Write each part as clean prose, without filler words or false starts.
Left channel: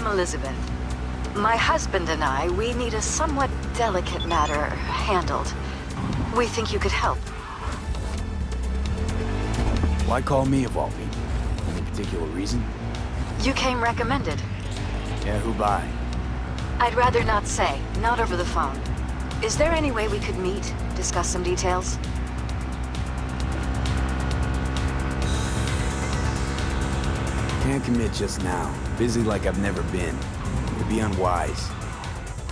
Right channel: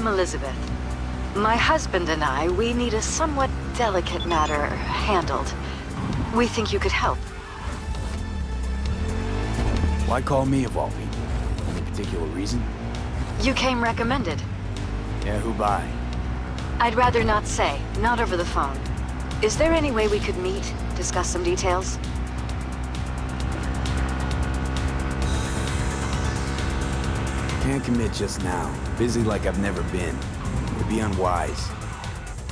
I'm Elizabeth. My husband and I, we need a somewhat delicate matter handled. We think you could help. Why call me of all people? Any particular reason? You came recommended. Yeah, who by? I'd rather not say, not over the phone. Is there any way we could meet, discuss some details? Can't commit just now. Busy like I've never been. It'd be unwise.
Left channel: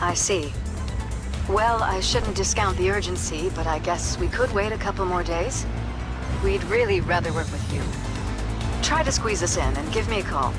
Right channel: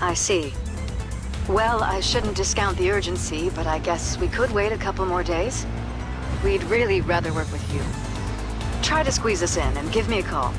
I see. Well, I shouldn't discount the urgency, but I guess we could wait a couple more days. We'd really rather work with you. Try to squeeze us in and give me a call.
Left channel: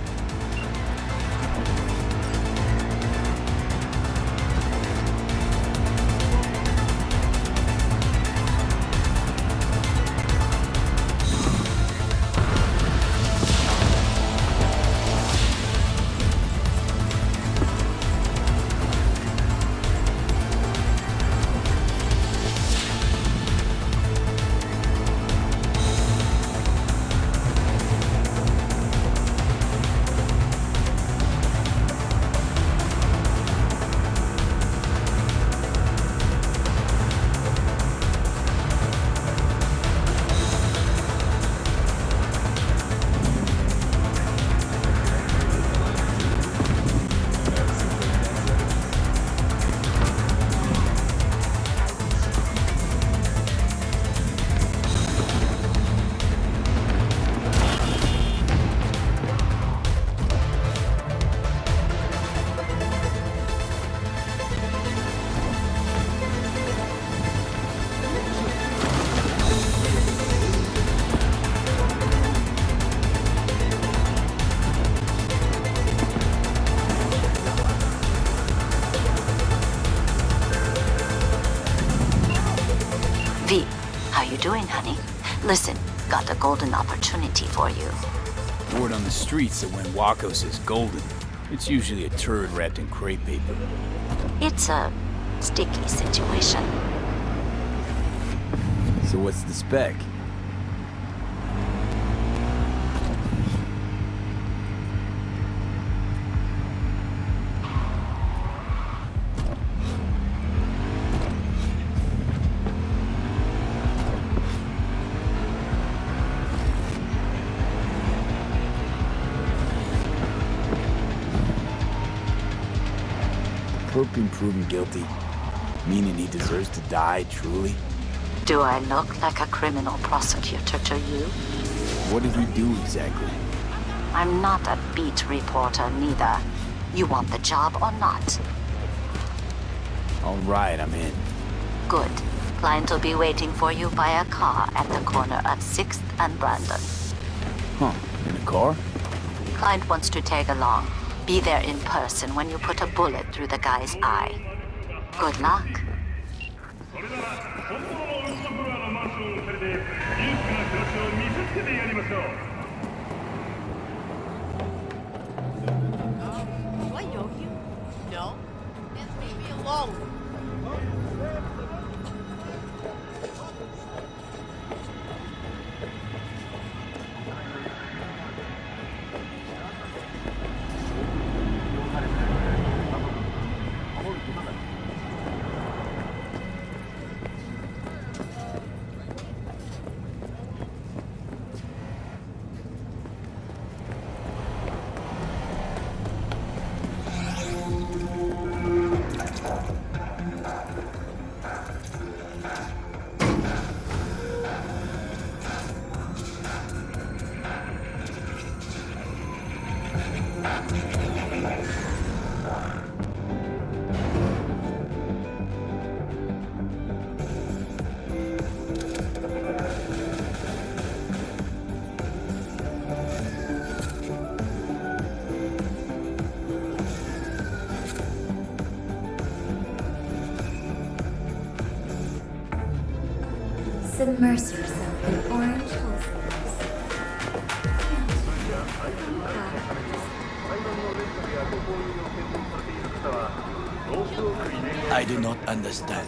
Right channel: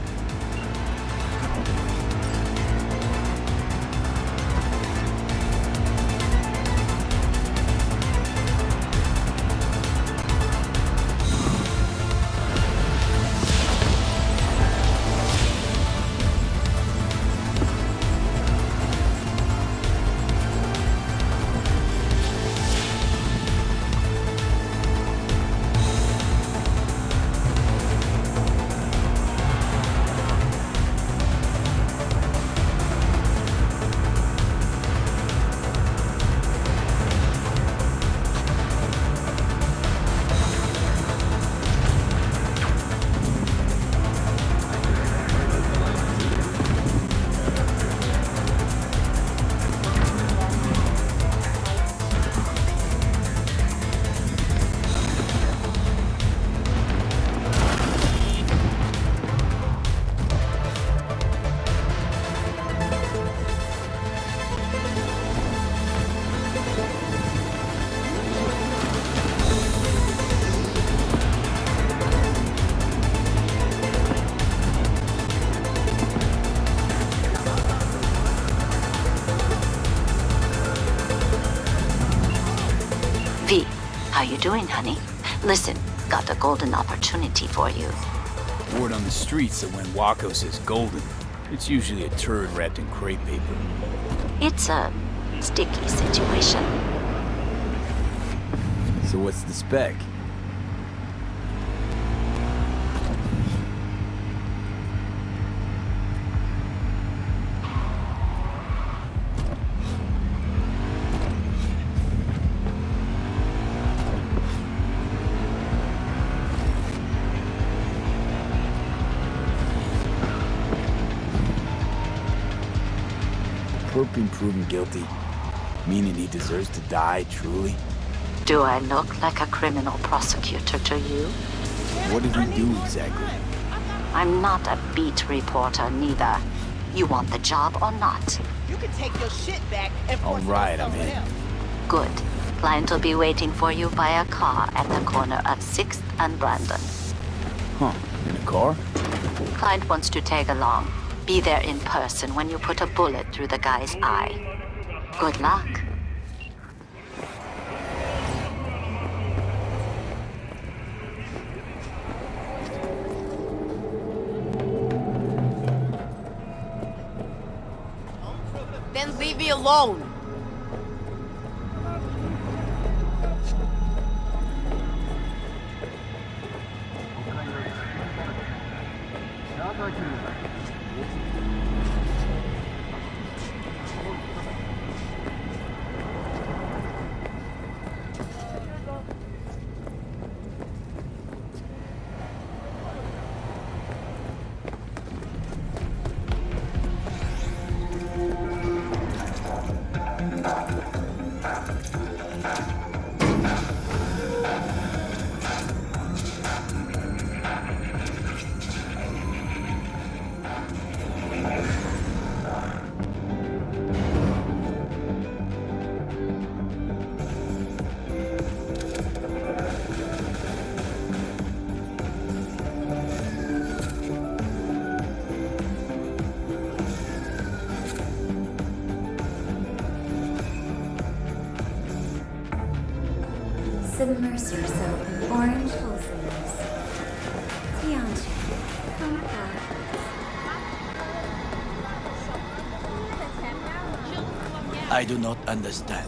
Listen, got a golden opportunity for you. Word on the streets that when Wako says golden, it's usually a turd wrapped in crepe paper. It's a sticky situation. So what's the spec? Perp been proven guilty, meaning he deserves to die, truly? Do I look like a criminal prosecutor to you? What did he do exactly? I'm not a beat reporter, neither. You want the job or not? You can take your shit back and All right, I'm in. Good. Client will be waiting for you by a car at the corner of 6th and Brandon. Huh, in a car? Client wants to tag along. Be there in person when you put a bullet through the guy's eye. Good luck. no, then leave me alone. Submerge yourself in orange wholesalers. Come I do not understand.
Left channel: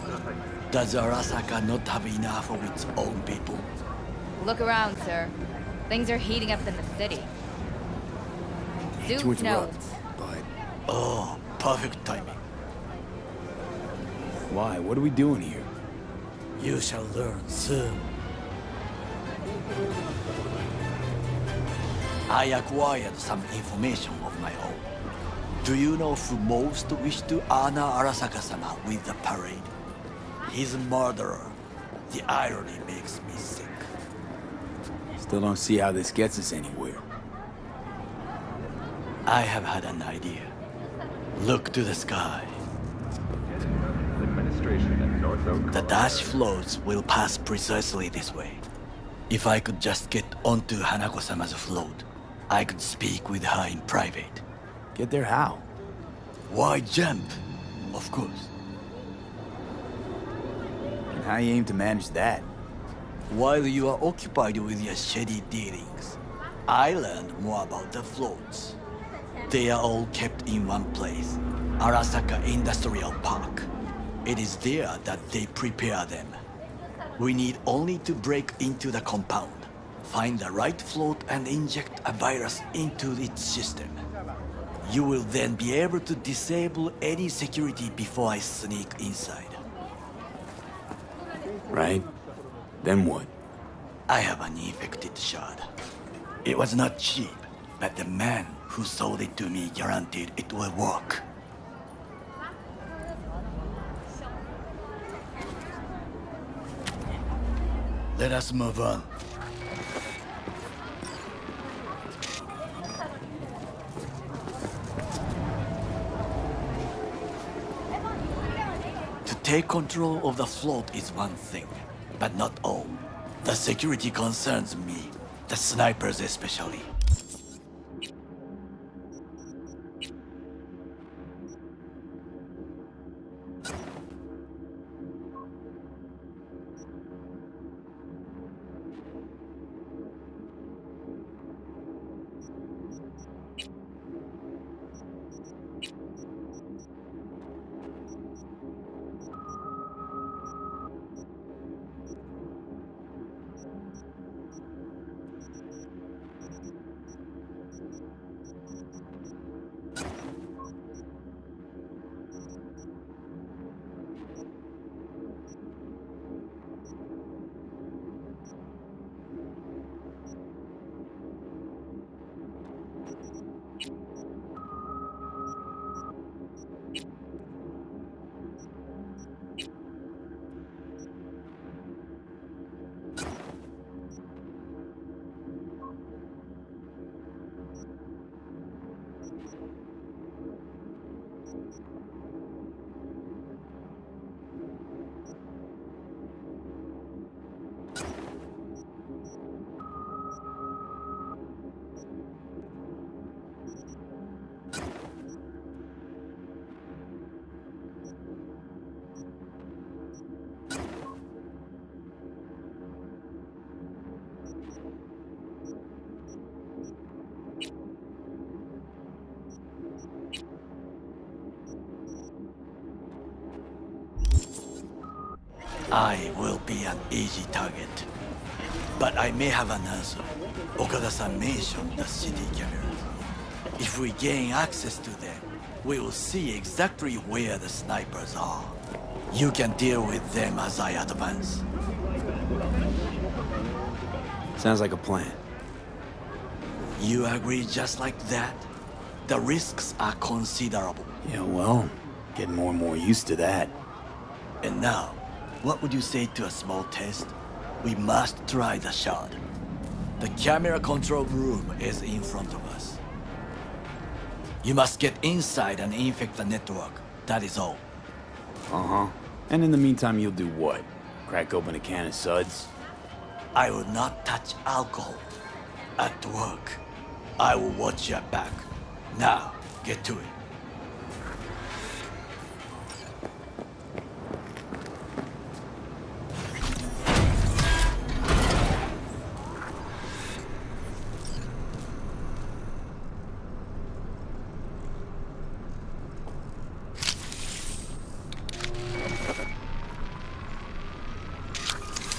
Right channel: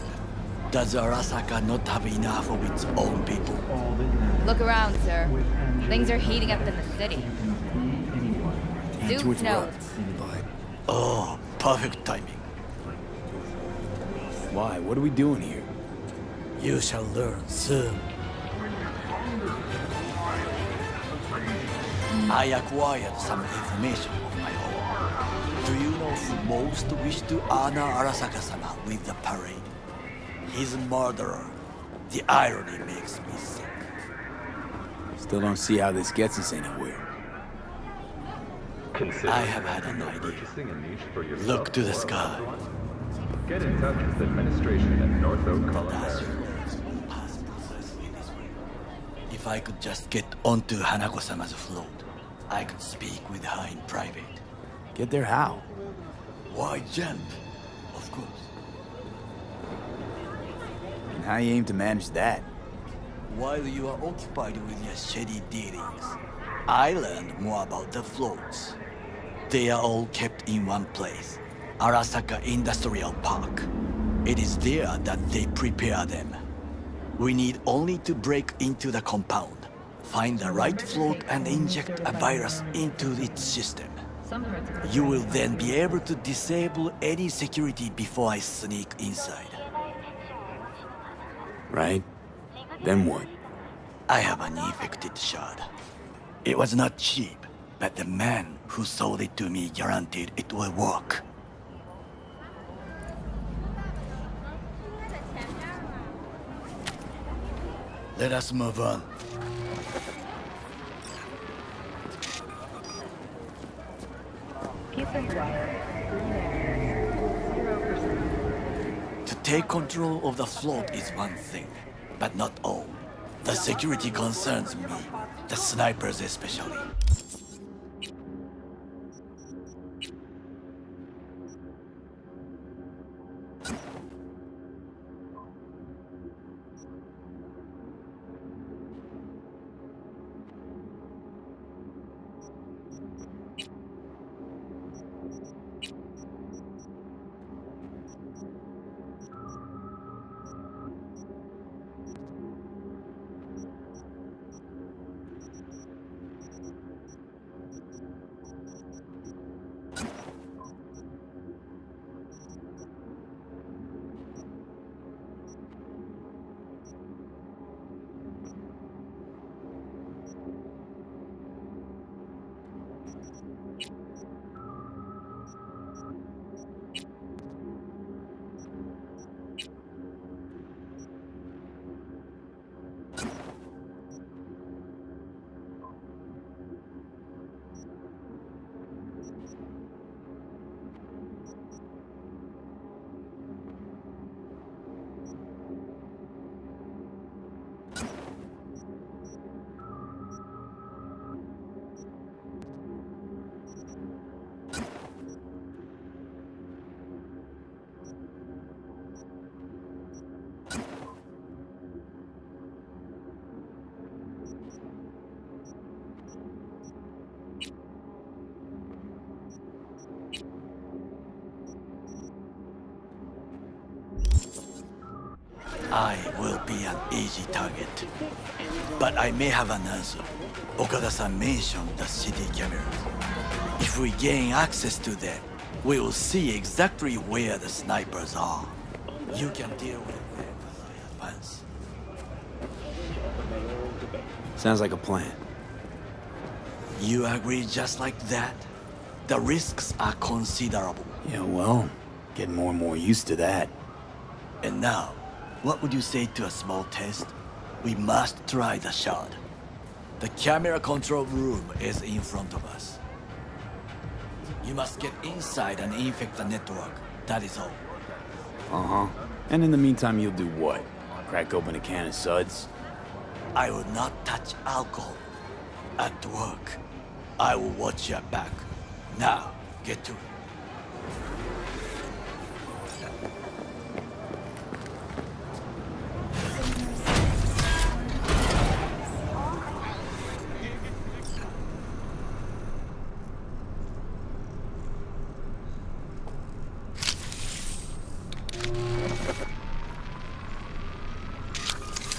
Does Arasaka not have enough of its own people? Look around, sir. Things are heating up in the city. To Zeus knows. interrupt, but Oh, perfect timing. Why? What are we doing here? You shall learn soon. I acquired some information of my own. Do you know who most wished to honor Arasaka-sama with the parade? His murderer. The irony makes me sick. Still don't see how this gets us anywhere. I have had an idea. Look to the sky. Get in touch with administration at North Oak, The Colorado. dash floats will pass precisely this way. If I could just get onto Hanako-sama's float, I could speak with her in private. Get there how? Why jump? Of course. And how you aim to manage that? While you are occupied with your shady dealings, I learned more about the floats. They are all kept in one place, Arasaka Industrial Park. It is there that they prepare them. We need only to break into the compound, find the right float and inject a virus into its system. You will then be able to disable any security before I sneak inside. Right? Then what? I have an infected shard. It was not cheap, but the man who sold it to me guaranteed it will work. Let us move on. To take control of the float is one thing, but not all. The security concerns me, the snipers especially. I will be an easy target. But I may have an answer. Okada-san mentioned the city cameras. If we gain access to them, we will see exactly where the snipers are. You can deal with them as I advance. Sounds like a plan. You agree just like that? The risks are considerable. Yeah, well, getting more and more used to that. And now, what would you say to a small test? We must try the shard. The camera control room is in front of us. You must get inside and infect the network. That is all. Uh-huh. And in the meantime, you'll do what? Crack open a can of suds? I will not touch alcohol. At work, I will watch your back. Now, get to it.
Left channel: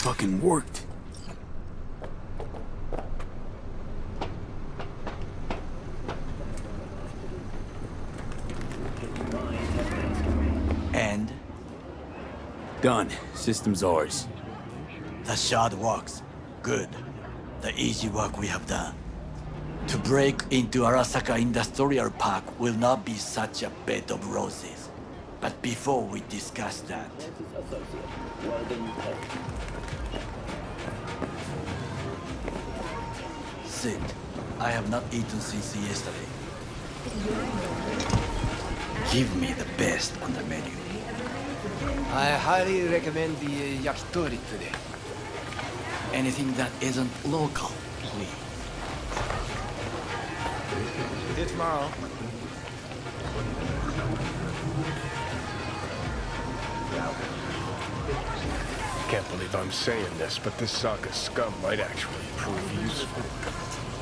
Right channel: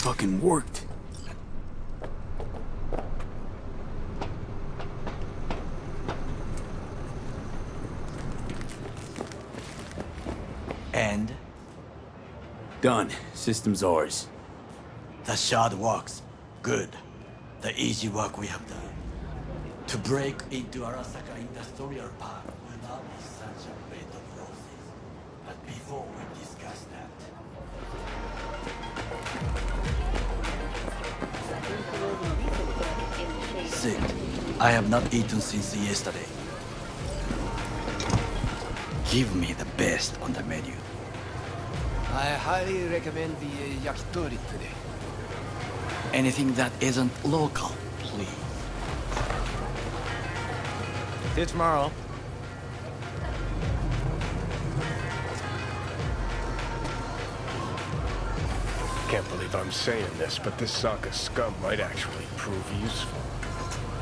Fucking worked. And Done. System's ours. the shard works. Good. The easy work we have done. To break into Arasaka Industrial Park will not be such a bed of roses. But before we discuss that, sit. I have not eaten since yesterday. Give me the best on the menu. I highly recommend the yakitori today. Anything that isn't local, please. See you tomorrow. Can't believe I'm saying this, but this Sokka scum might actually prove useful.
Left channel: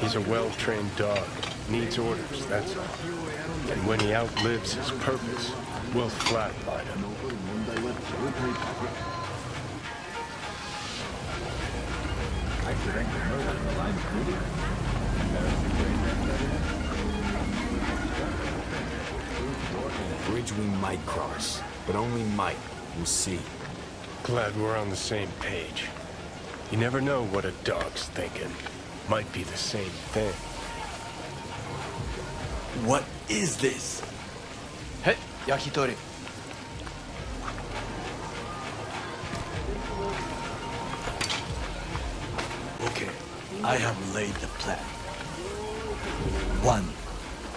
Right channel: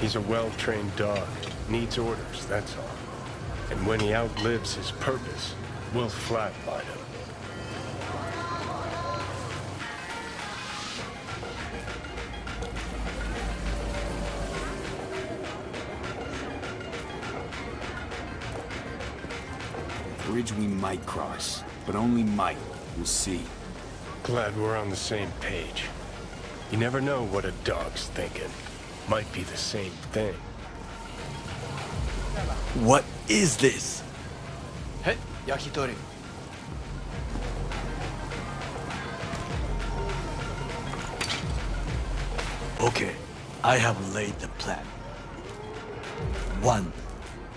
He's a well-trained dog. Needs orders, that's all. And when he outlives his purpose, we'll flatline him. Bridge we might cross, but only might. We'll see. Glad we're on the same page. You never know what a dog's thinking. Might be the same thing. What is this? Hey, yakitori. Okay, I have laid the plan. 1.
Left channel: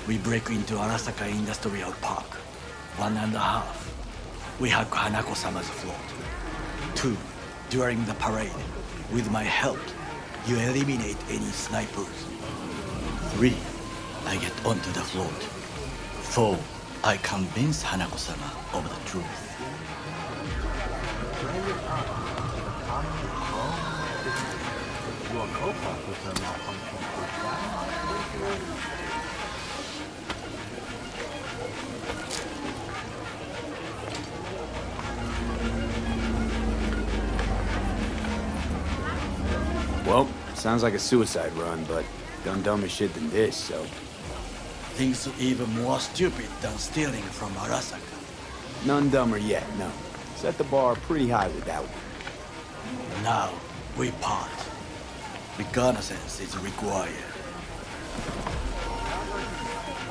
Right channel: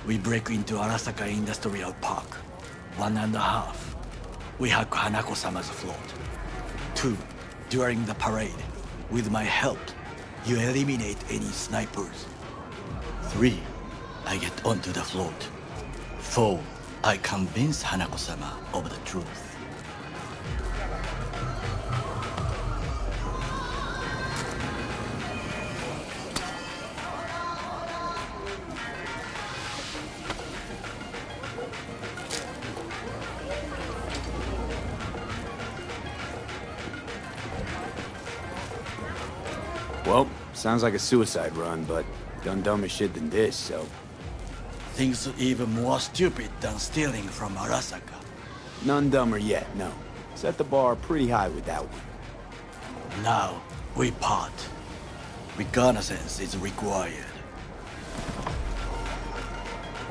We break into Arasaka Industrial Park. 1.5. We hack Hanako-sama's float. 2. During the parade, with my help, you eliminate any snipers. 3. I get onto the float. 4. I convince Hanako-sama of the truth. Well, sounds like a suicide run, but done dumber shit than this, so... Things even more stupid than stealing from Arasaka. None dumber yet, no. Set the bar pretty high with that one. Now, we part. Reconnaissance is required.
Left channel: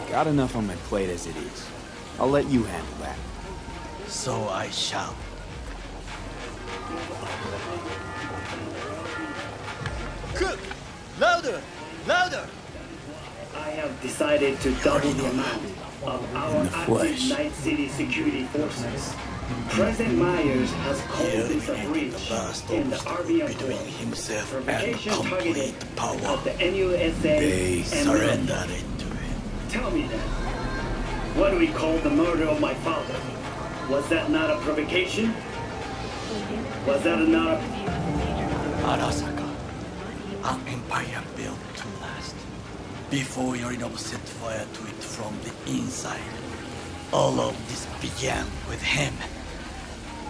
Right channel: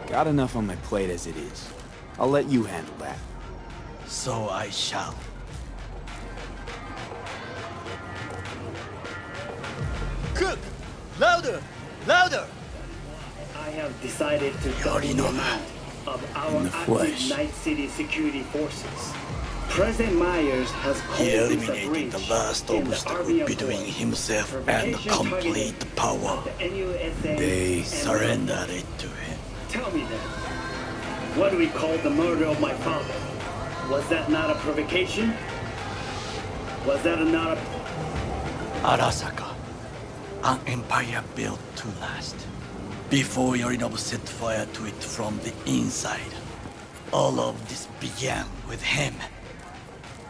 Got enough on my plate as it is. I'll let you handle that. So I shall. Cook! Louder! Louder! I have decided to double the amount of our In the active flesh. Night City security forces. President Myers has He called this a eliminated breach the last in the obstacle RV between Accord. himself and Provocation complete targeted power. of the NUSA They and Surrendered it to him. Tell me then, what do we call the murder of my father? Was that not a provocation? Was that not a... Arasaka, an empire built to last. Before Yorinobu set fire to it from the inside, all of this began with him.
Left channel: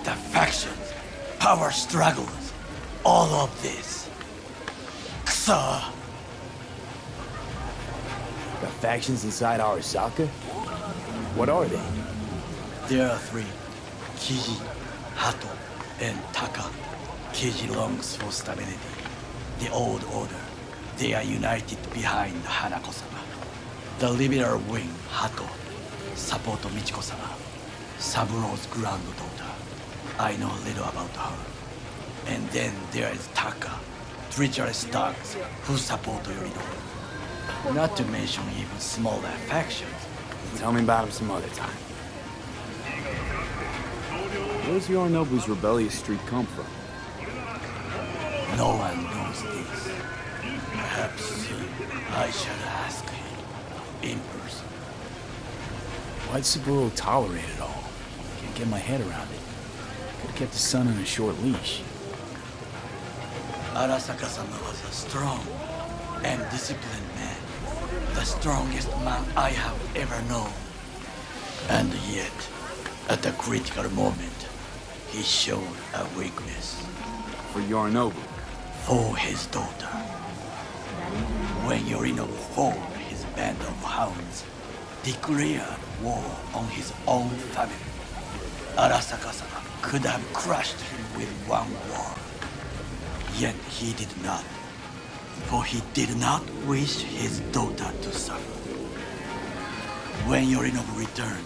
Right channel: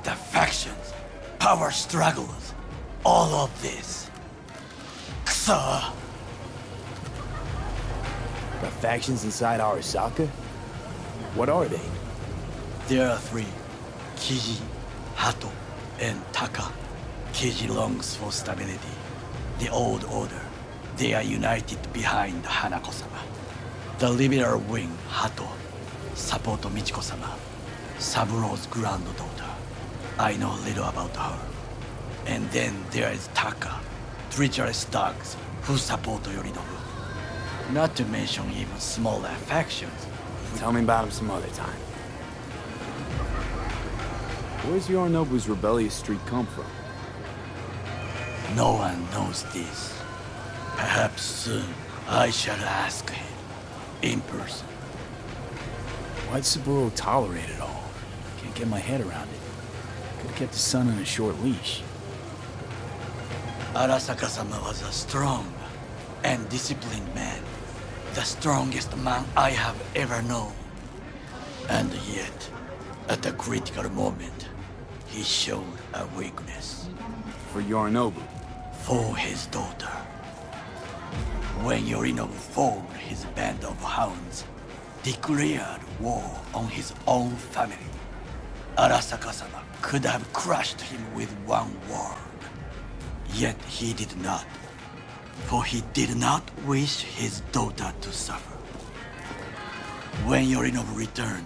The factions, power struggles, all of this. Ksa! Got factions inside Arasaka? What are they? There are 3. Kiji, Hato, and Taka. Kiji longs for stability. The old order. They are united behind Hanako-sama. The liberal wing, Hato, support Michiko-sama, Saburo's granddaughter. I know little about her. And then there is Taka, treacherous dogs who support Yorinobu. Not to mention even smaller factions. Tell me about him some other time. Where's Yorinobu's rebellious streak come from? No one knows this. Perhaps soon I shall ask him in person. Why'd Saburo tolerate it all? Can't get my head around it. Could've kept his son on a short leash. Arasaka-sama was a strong and disciplined man. The strongest man I have ever known. And yet, at a critical moment, he showed a weakness. For Yorinobu. For his daughter. When Yorinobu formed his band of hounds, declared war on his own family. Arasaka-sama could have crushed him with one word. Yet he did not, for he did not wish his daughter to suffer. When Yorinobu returned,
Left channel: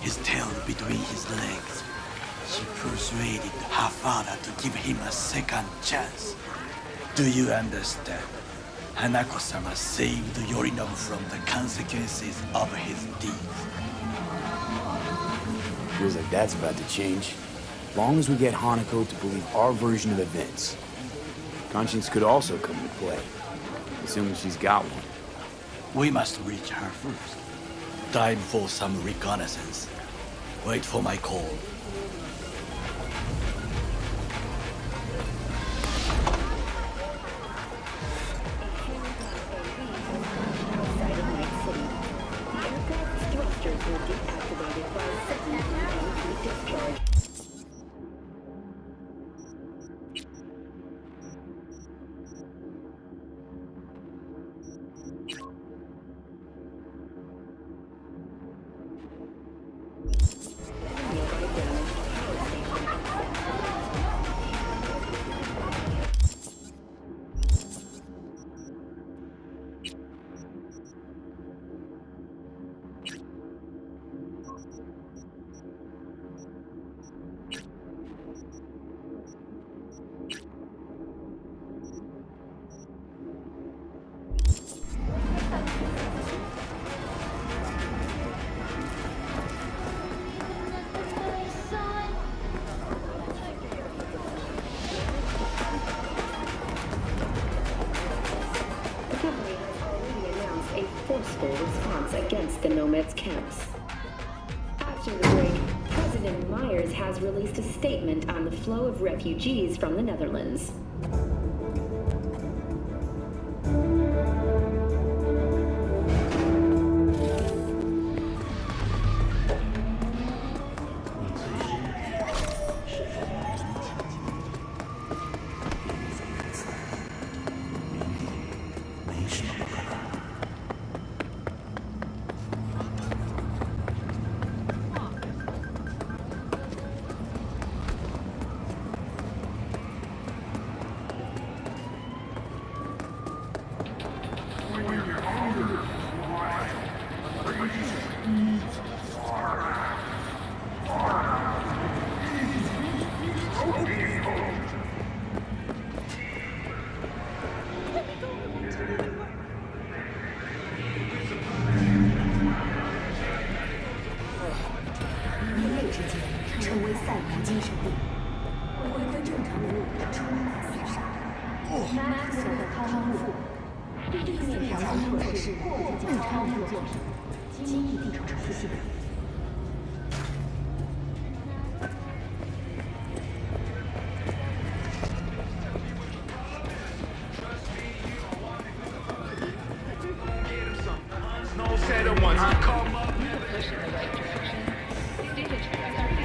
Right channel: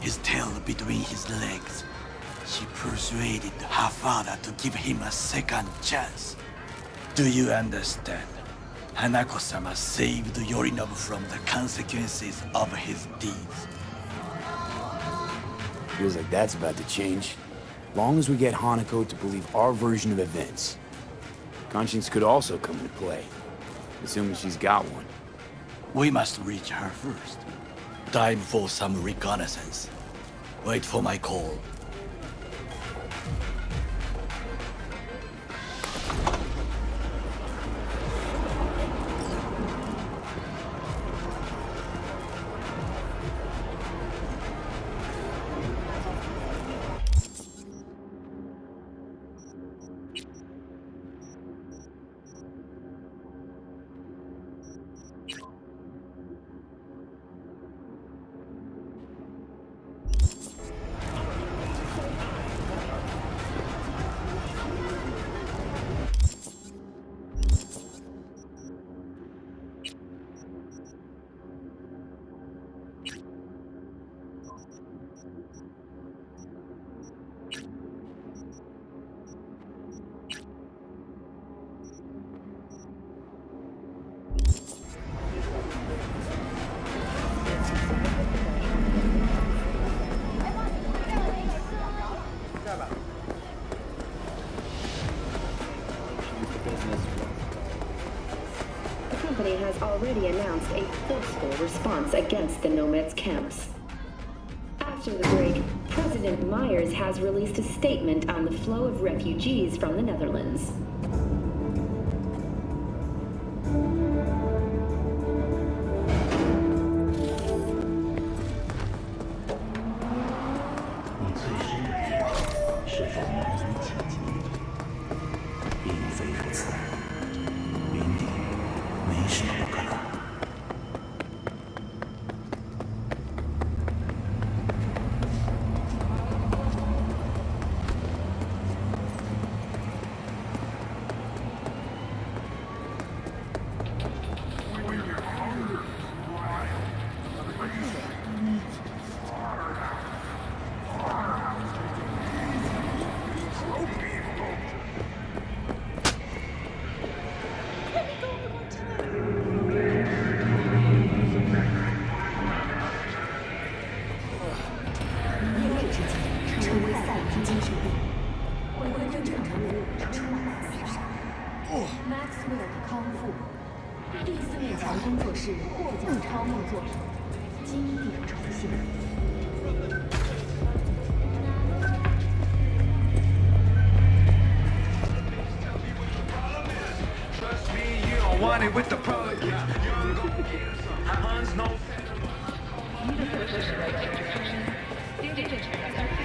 his tail between his legs, she persuaded her father to give him a second chance. Do you understand? Hanako-sama saved Yorinobu from the consequences of his deeds. Feels like that's about to change. Long as we get Hanako to believe our version of events. Conscience could also come into play, assuming she's got one. We must reach her first. Time for some reconnaissance. Wait for my call. Has already announced a forceful response against the Nomads' camps. After the break, President Myers has released a statement on the flow of refugees from the Netherlands. With the product, go get him some. Hans knows said it once. Call him up. Push in the right direction. Data transfer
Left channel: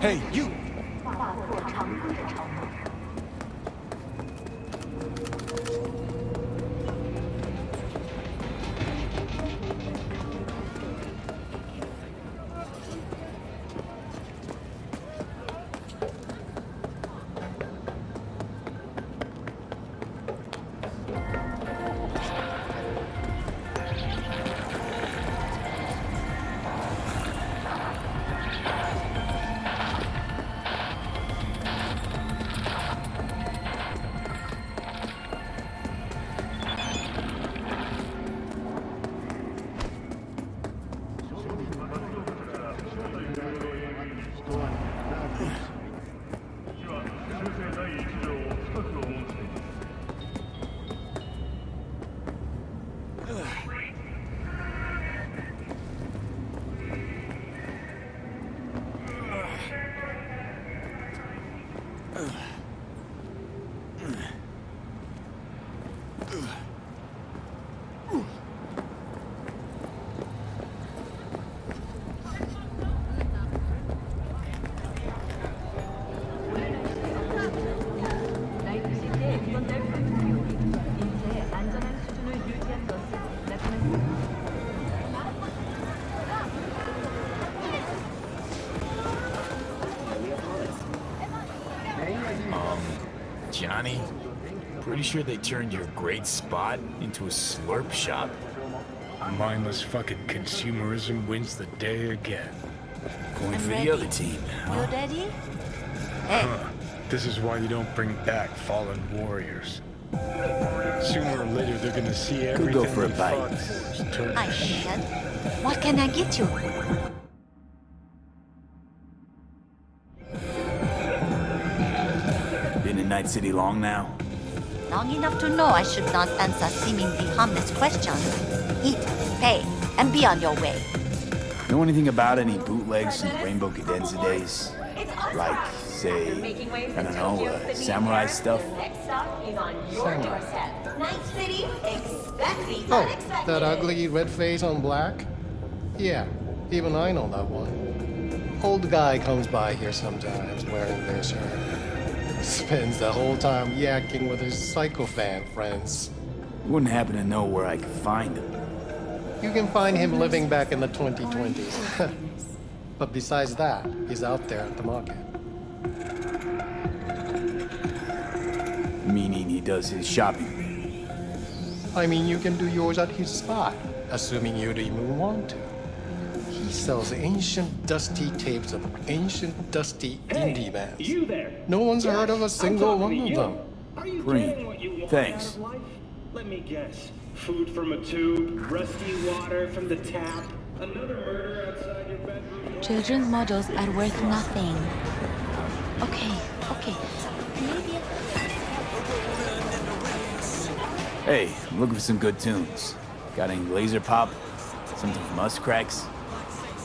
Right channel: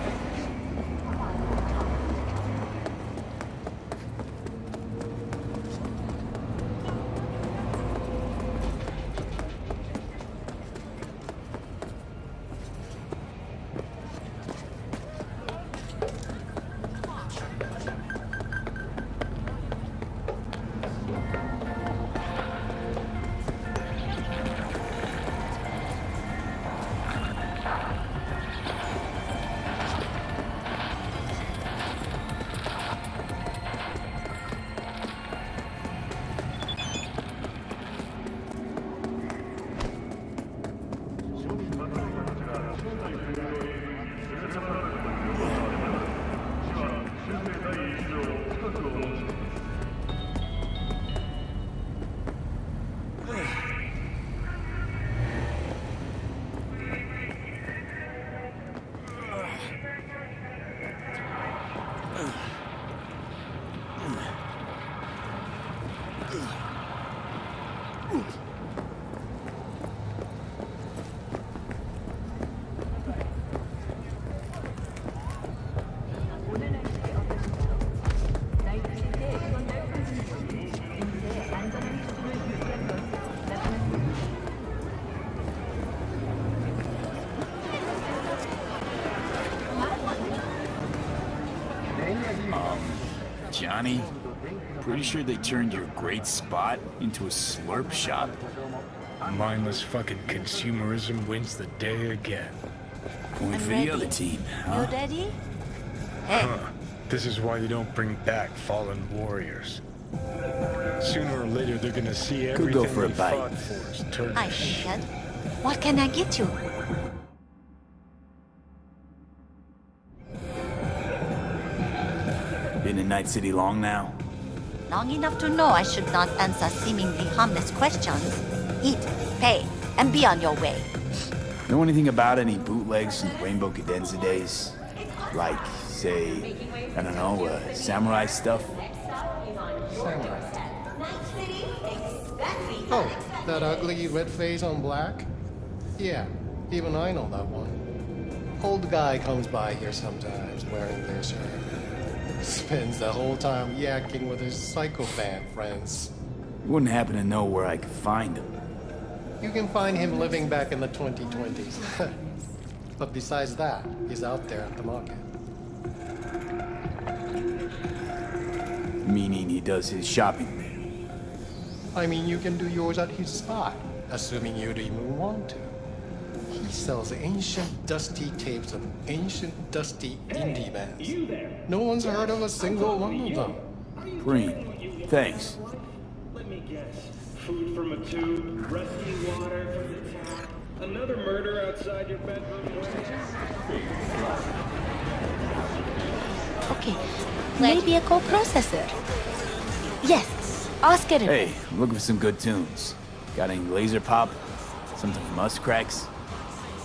Hey, you! Johnny. Pretty sure they turned your great spot into a slurp shop. Mindless fucking consumerism wins the day again. Going for the other team, huh? You ready? Hey. Huh. This is why you don't bring back fallen warriors. Sooner or later, they're gonna see everything go for a they bite. fought for is turned I to shit. can. What can I get you? Been in Night City long now? Long enough to know I should not answer seemingly harmless questions. Eat, pay, and be on your way. Know anything about any bootlegs from the Rainbow Cadenza days? Like, say, I don't know, samurai stuff? Oh, that ugly red face on black? Yeah, even I know that one. Old guy comes by here sometimes wearing their shirt. Spends the whole time yakking with his psychophant friends. You wouldn't happen to know where I could find him. You can find him living back in the 2020s. But besides that, he's out there at the market. Meaning he does his shopping there. I mean, you can do yours at his spot, assuming you'd even want to. He sells ancient, dusty tapes of ancient, dusty indie bands. You there? No one's heard of a single one of them. Preem, thanks. Let me guess. Food from a tube, rusty water from the tap, another murder outside your bedroom. Children's models are worth nothing. Okay. Maybe a co-processor. Yes, Oscar. Hey, I'm looking for some good tunes. Got any laser pop? Something from Us Cracks?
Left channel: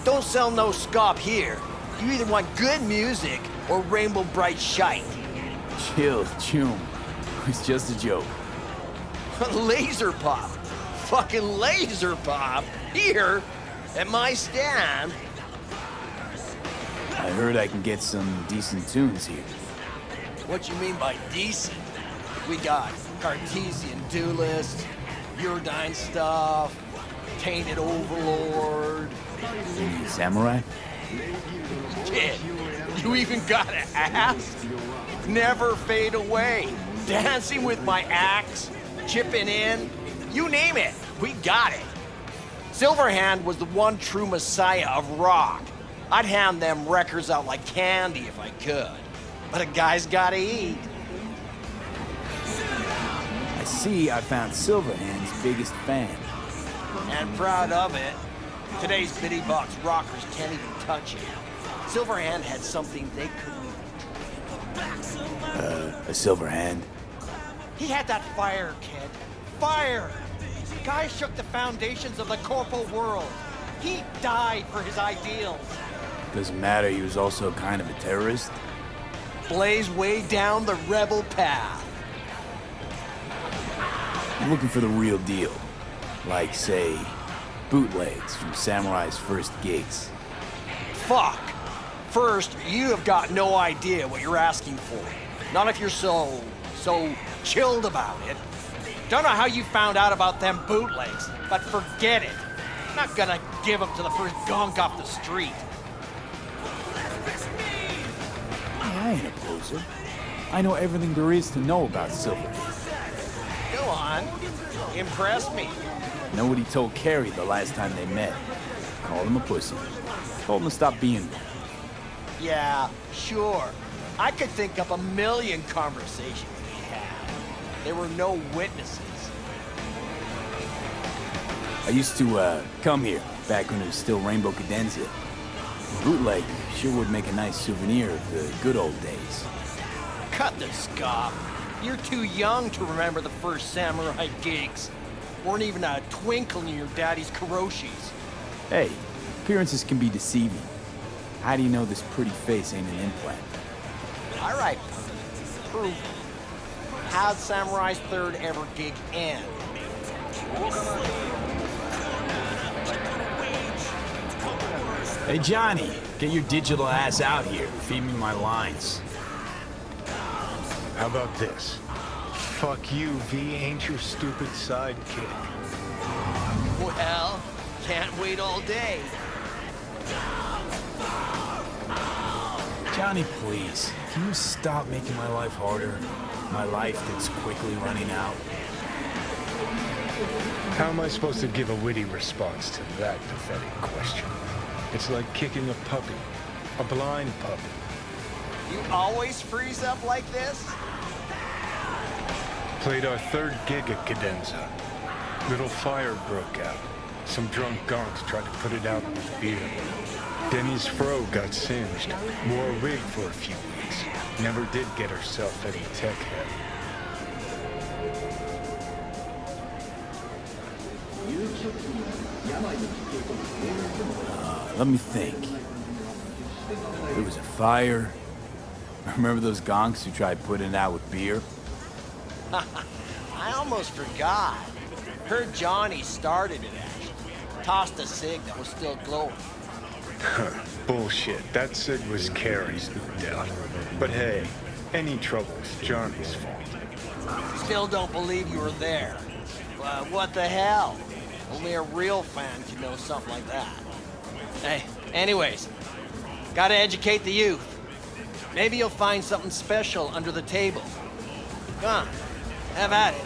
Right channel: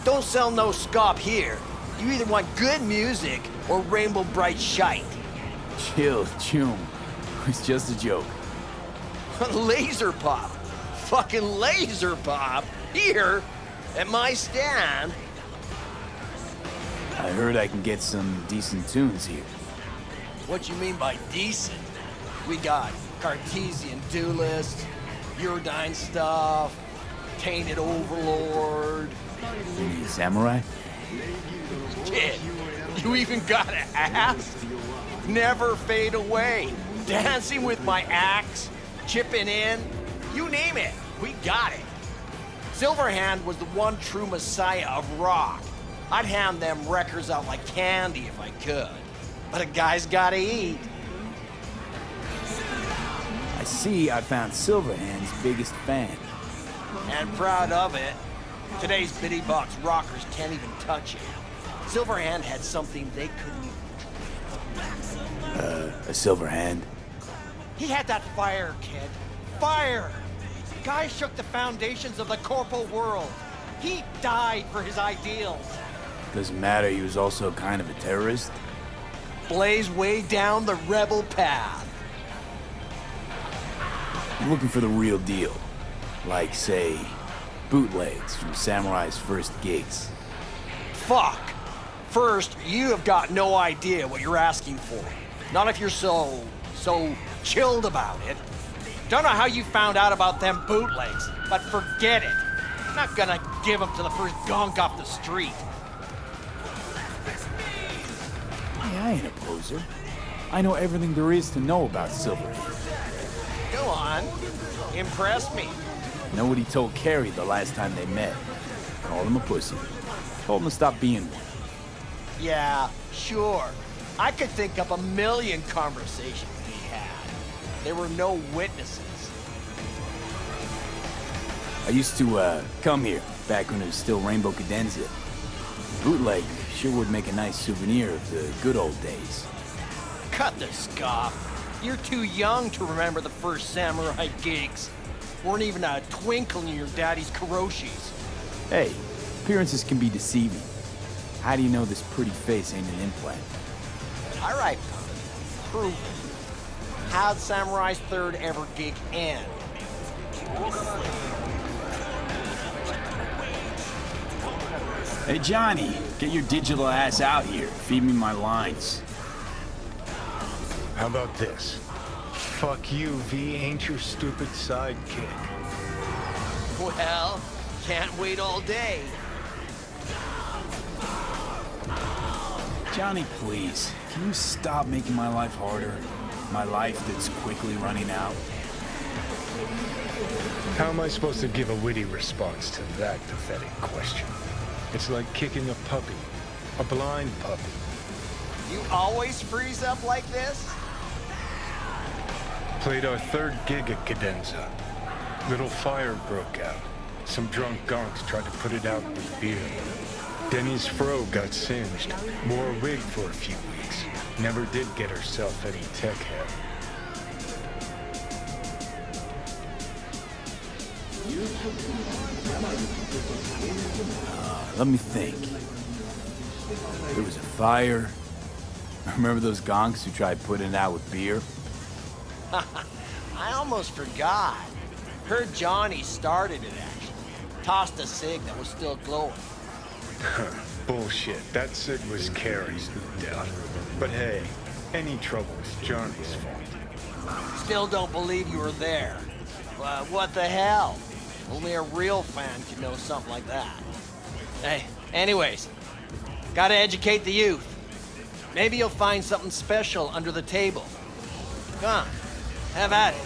Don't sell no scop here. You either want good music or rainbow bright shite. Chill, Chum. It's just a joke. Laser pop. Fucking laser pop. Here, at my stand. I heard I can get some decent tunes here. What you mean by decent? We got Cartesian Duelist, Uridine stuff, Tainted Overlord. Samurai? Kid, you even got an axe? Never fade away. Dancing with my axe, chipping in, you name it, we got it. Silverhand was the one true messiah of rock. I'd hand them records out like candy if I could. But a guy's gotta eat. I see I found Silverhand's biggest fan. And proud of it. Today's bitty box rockers can't even touch it. Silverhand had something they couldn't even. A Silverhand? He had that fire, kid. Fire! Guy shook the foundations of the corporal world. He died for his ideals. Doesn't matter, he was also kind of a terrorist. Blaze way down the rebel path. I'm looking for the real deal. Like, say, bootlegs from Samurai's first gigs. Fuck. First, you have got no idea what you're asking for. Not if you're so chilled about it. Don't know how you found out about them bootlegs, but forget it. Not gonna give them to the first gonk off the street. Hey, I ain't a poser. I know everything there is to know about Silverhand. Go on. Impress me. Know what he told Carrie the last time they met. Called him a pussy. Told him to stop being one. Yeah, sure. I could think up a million conversations we had. There were no witnesses. I used to, come here, back when it was still Rainbow Cadenza. Bootleg sure would make a nice souvenir of the good old days. Cut the scoff. You're too young to remember the first samurai gigs. Weren't even a twinkle in your daddy's karoshis. Hey, appearances can be deceiving. How do you know this pretty face ain't an implant? All right, punk. Prove it. How'd Samurai's third ever gig end? Hey, Johnny, get your digital ass out here. Feed me my lines. How about this? Fuck you, V ain't your stupid sidekick. Well, can't wait all day. Johnny, please, can you stop making my life harder? My life that's quickly running out? How am I supposed to give a witty response to that pathetic question? It's like kicking a puppy. A blind puppy. You always freeze up like this? Played our third gig at Cadenza. Little fire broke out. Some drunk gonks tried to put it out with beer. Denny's fro got singed. Wore a wig for a few weeks. Never did get herself any tech head. Let me think. There was a fire. Remember those gonks who tried putting it out with beer? I almost forgot. Heard Johnny started it, actually. Tossed a cig that was still glowing. Bullshit. That cig was Carrie's, no doubt. But hey, any trouble's Johnny's fault. Still don't believe you were there. What the hell? Only a real fan can know something like that. Hey, anyways, gotta educate the youth. Maybe you'll find something special under the table. Come on, have at it.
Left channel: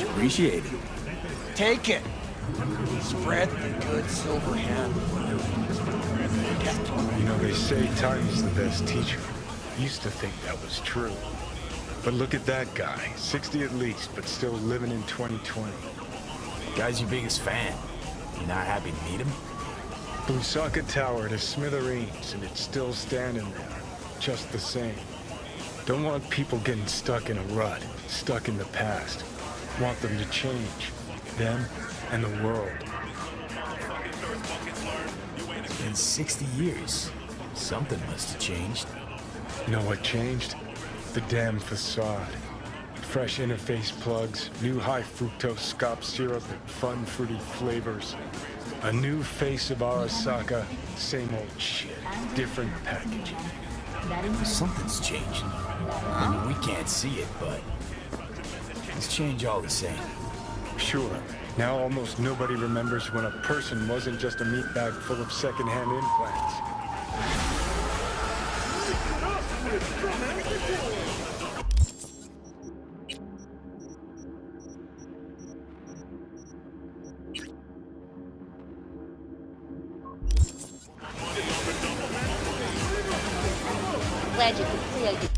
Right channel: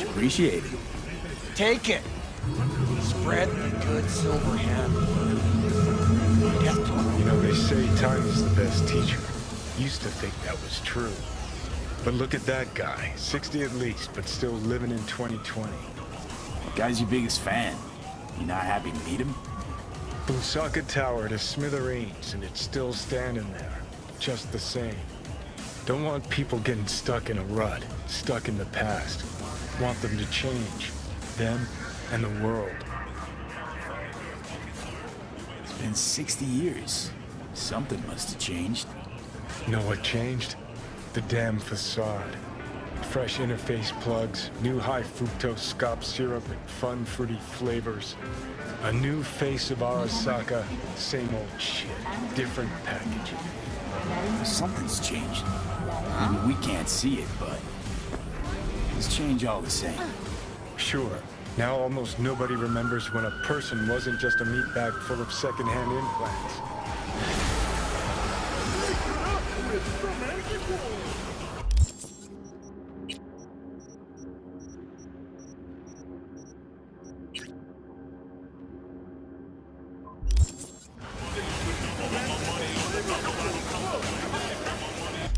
Appreciate it. Take it. Spread the good silver hand. You know, they say time is the best teacher. Used to think that was true. But look at that guy. 60 at least, but still living in 2020. Guy's your biggest fan. You not happy to meet him? Busaka Tower to smithereens, and it's still standing there. Just the same. Don't want people getting stuck in a rut, stuck in the past. Want them to change. Them and the world. It's been 60 years. Something must have changed. Know what changed? The damn facade. Fresh interface plugs, new high fructose scop syrup, and fun fruity flavors. A new face of Arasaka, same old shit, different packaging. Something's changing. I mean, we can't see it, but it's change all the same. Sure. Now almost nobody remembers when a person wasn't just a meat bag full of secondhand implants. glad you can create.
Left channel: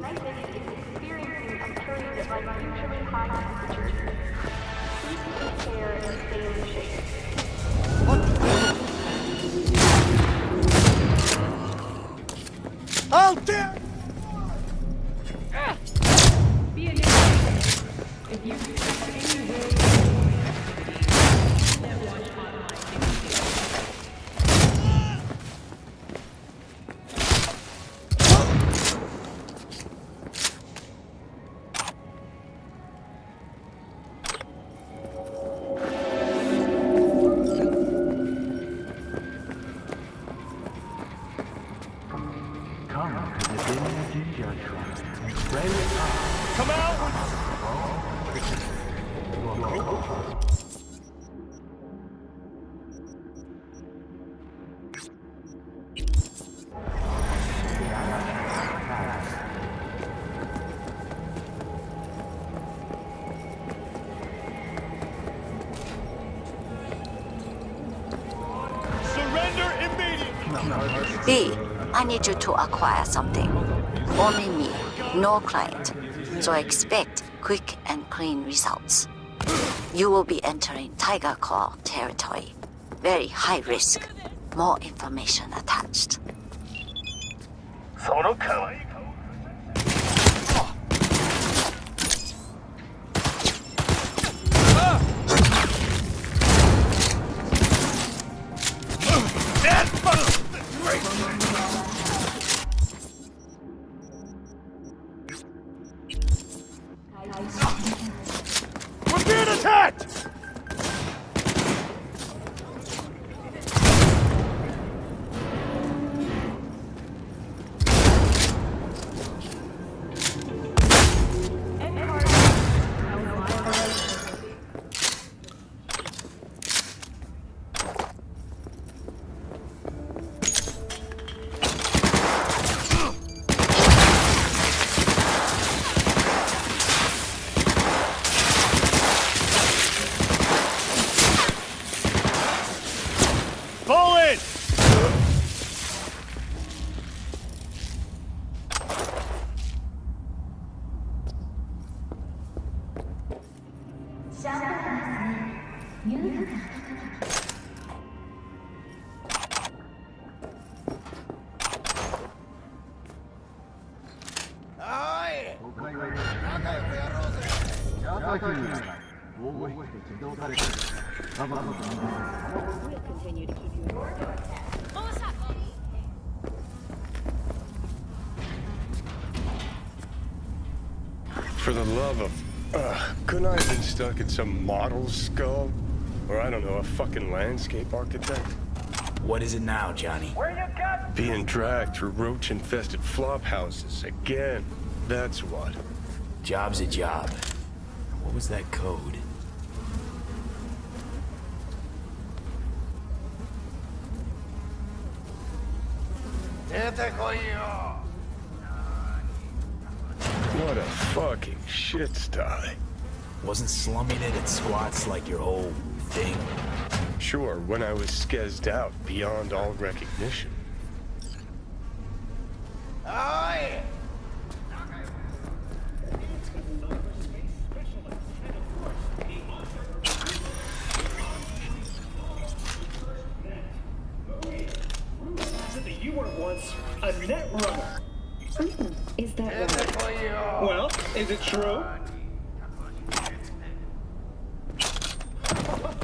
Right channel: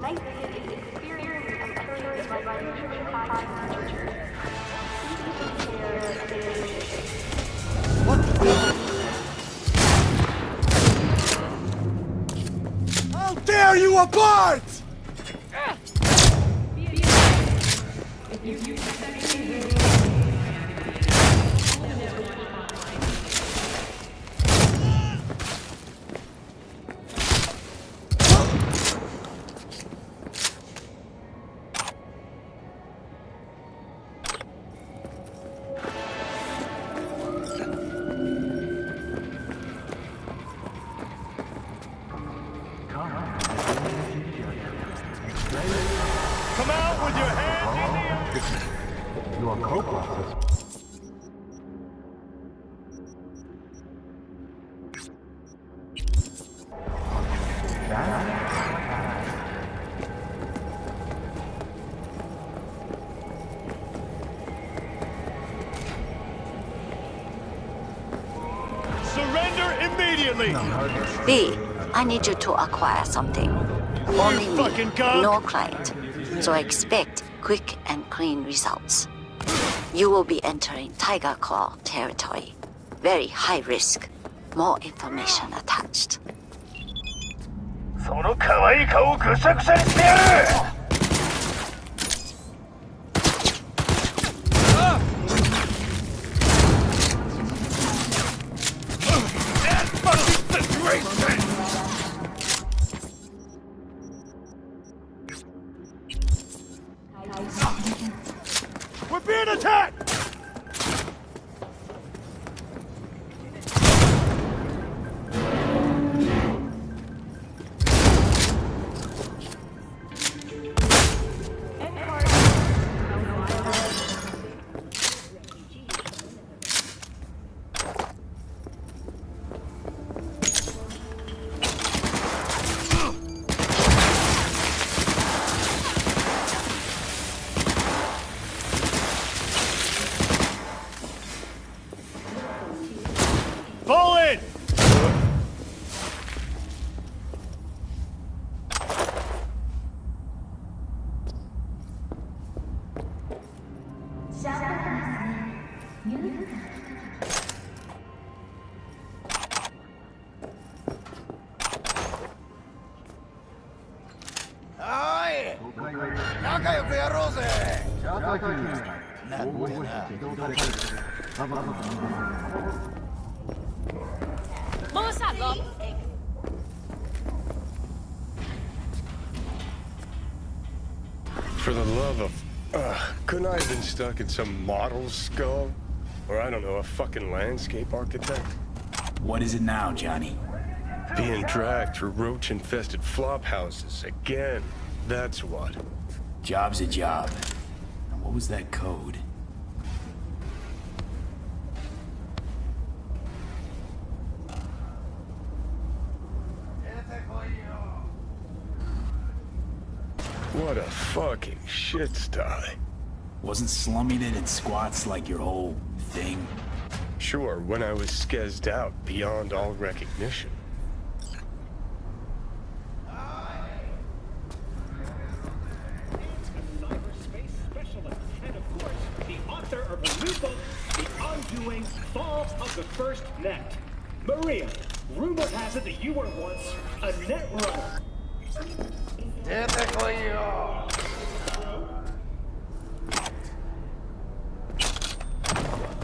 Night vision is experiencing a period of unusually high temperatures. Please prepare and stay in shape. What the devil? I'll tear you apart! Come out with your hands! Surrender immediately! B, I need you to acquire something. Only me, no client. So expect quick and clean results. You will be entering Tiger Claw territory. Very high risk. More information attached. その可愛い顔をぐしゃぐしゃにしてやる We're being attacked! Fall in! Aye! 仲良くやろうぜ! For the love of... couldn't I have been stuck in some model's skull? Or I don't know, a fucking landscape architect? What is it now, Johnny? Being dragged through roach-infested flop houses again. That's what. Job's a job. What was that code? What a fucking shit sty. Wasn't slumming it in squats like your whole thing? Sure, when I was skezzed out beyond all recognition. Aye! Cyberspace specialist, and of course, the author of the new book, The Arguing Fall of the First Net. Maria, rumor has it that you were once a net runner. Is that Well, is it true?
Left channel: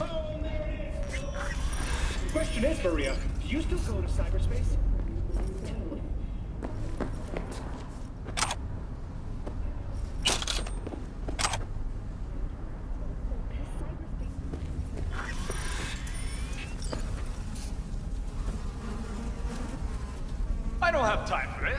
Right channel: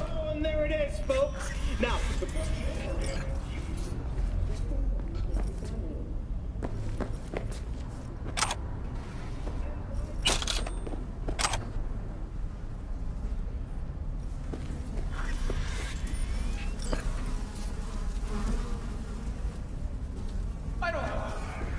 Oh, and there it is, folks. Now, the question is, Maria, do you still go into cyberspace? I don't have time for it.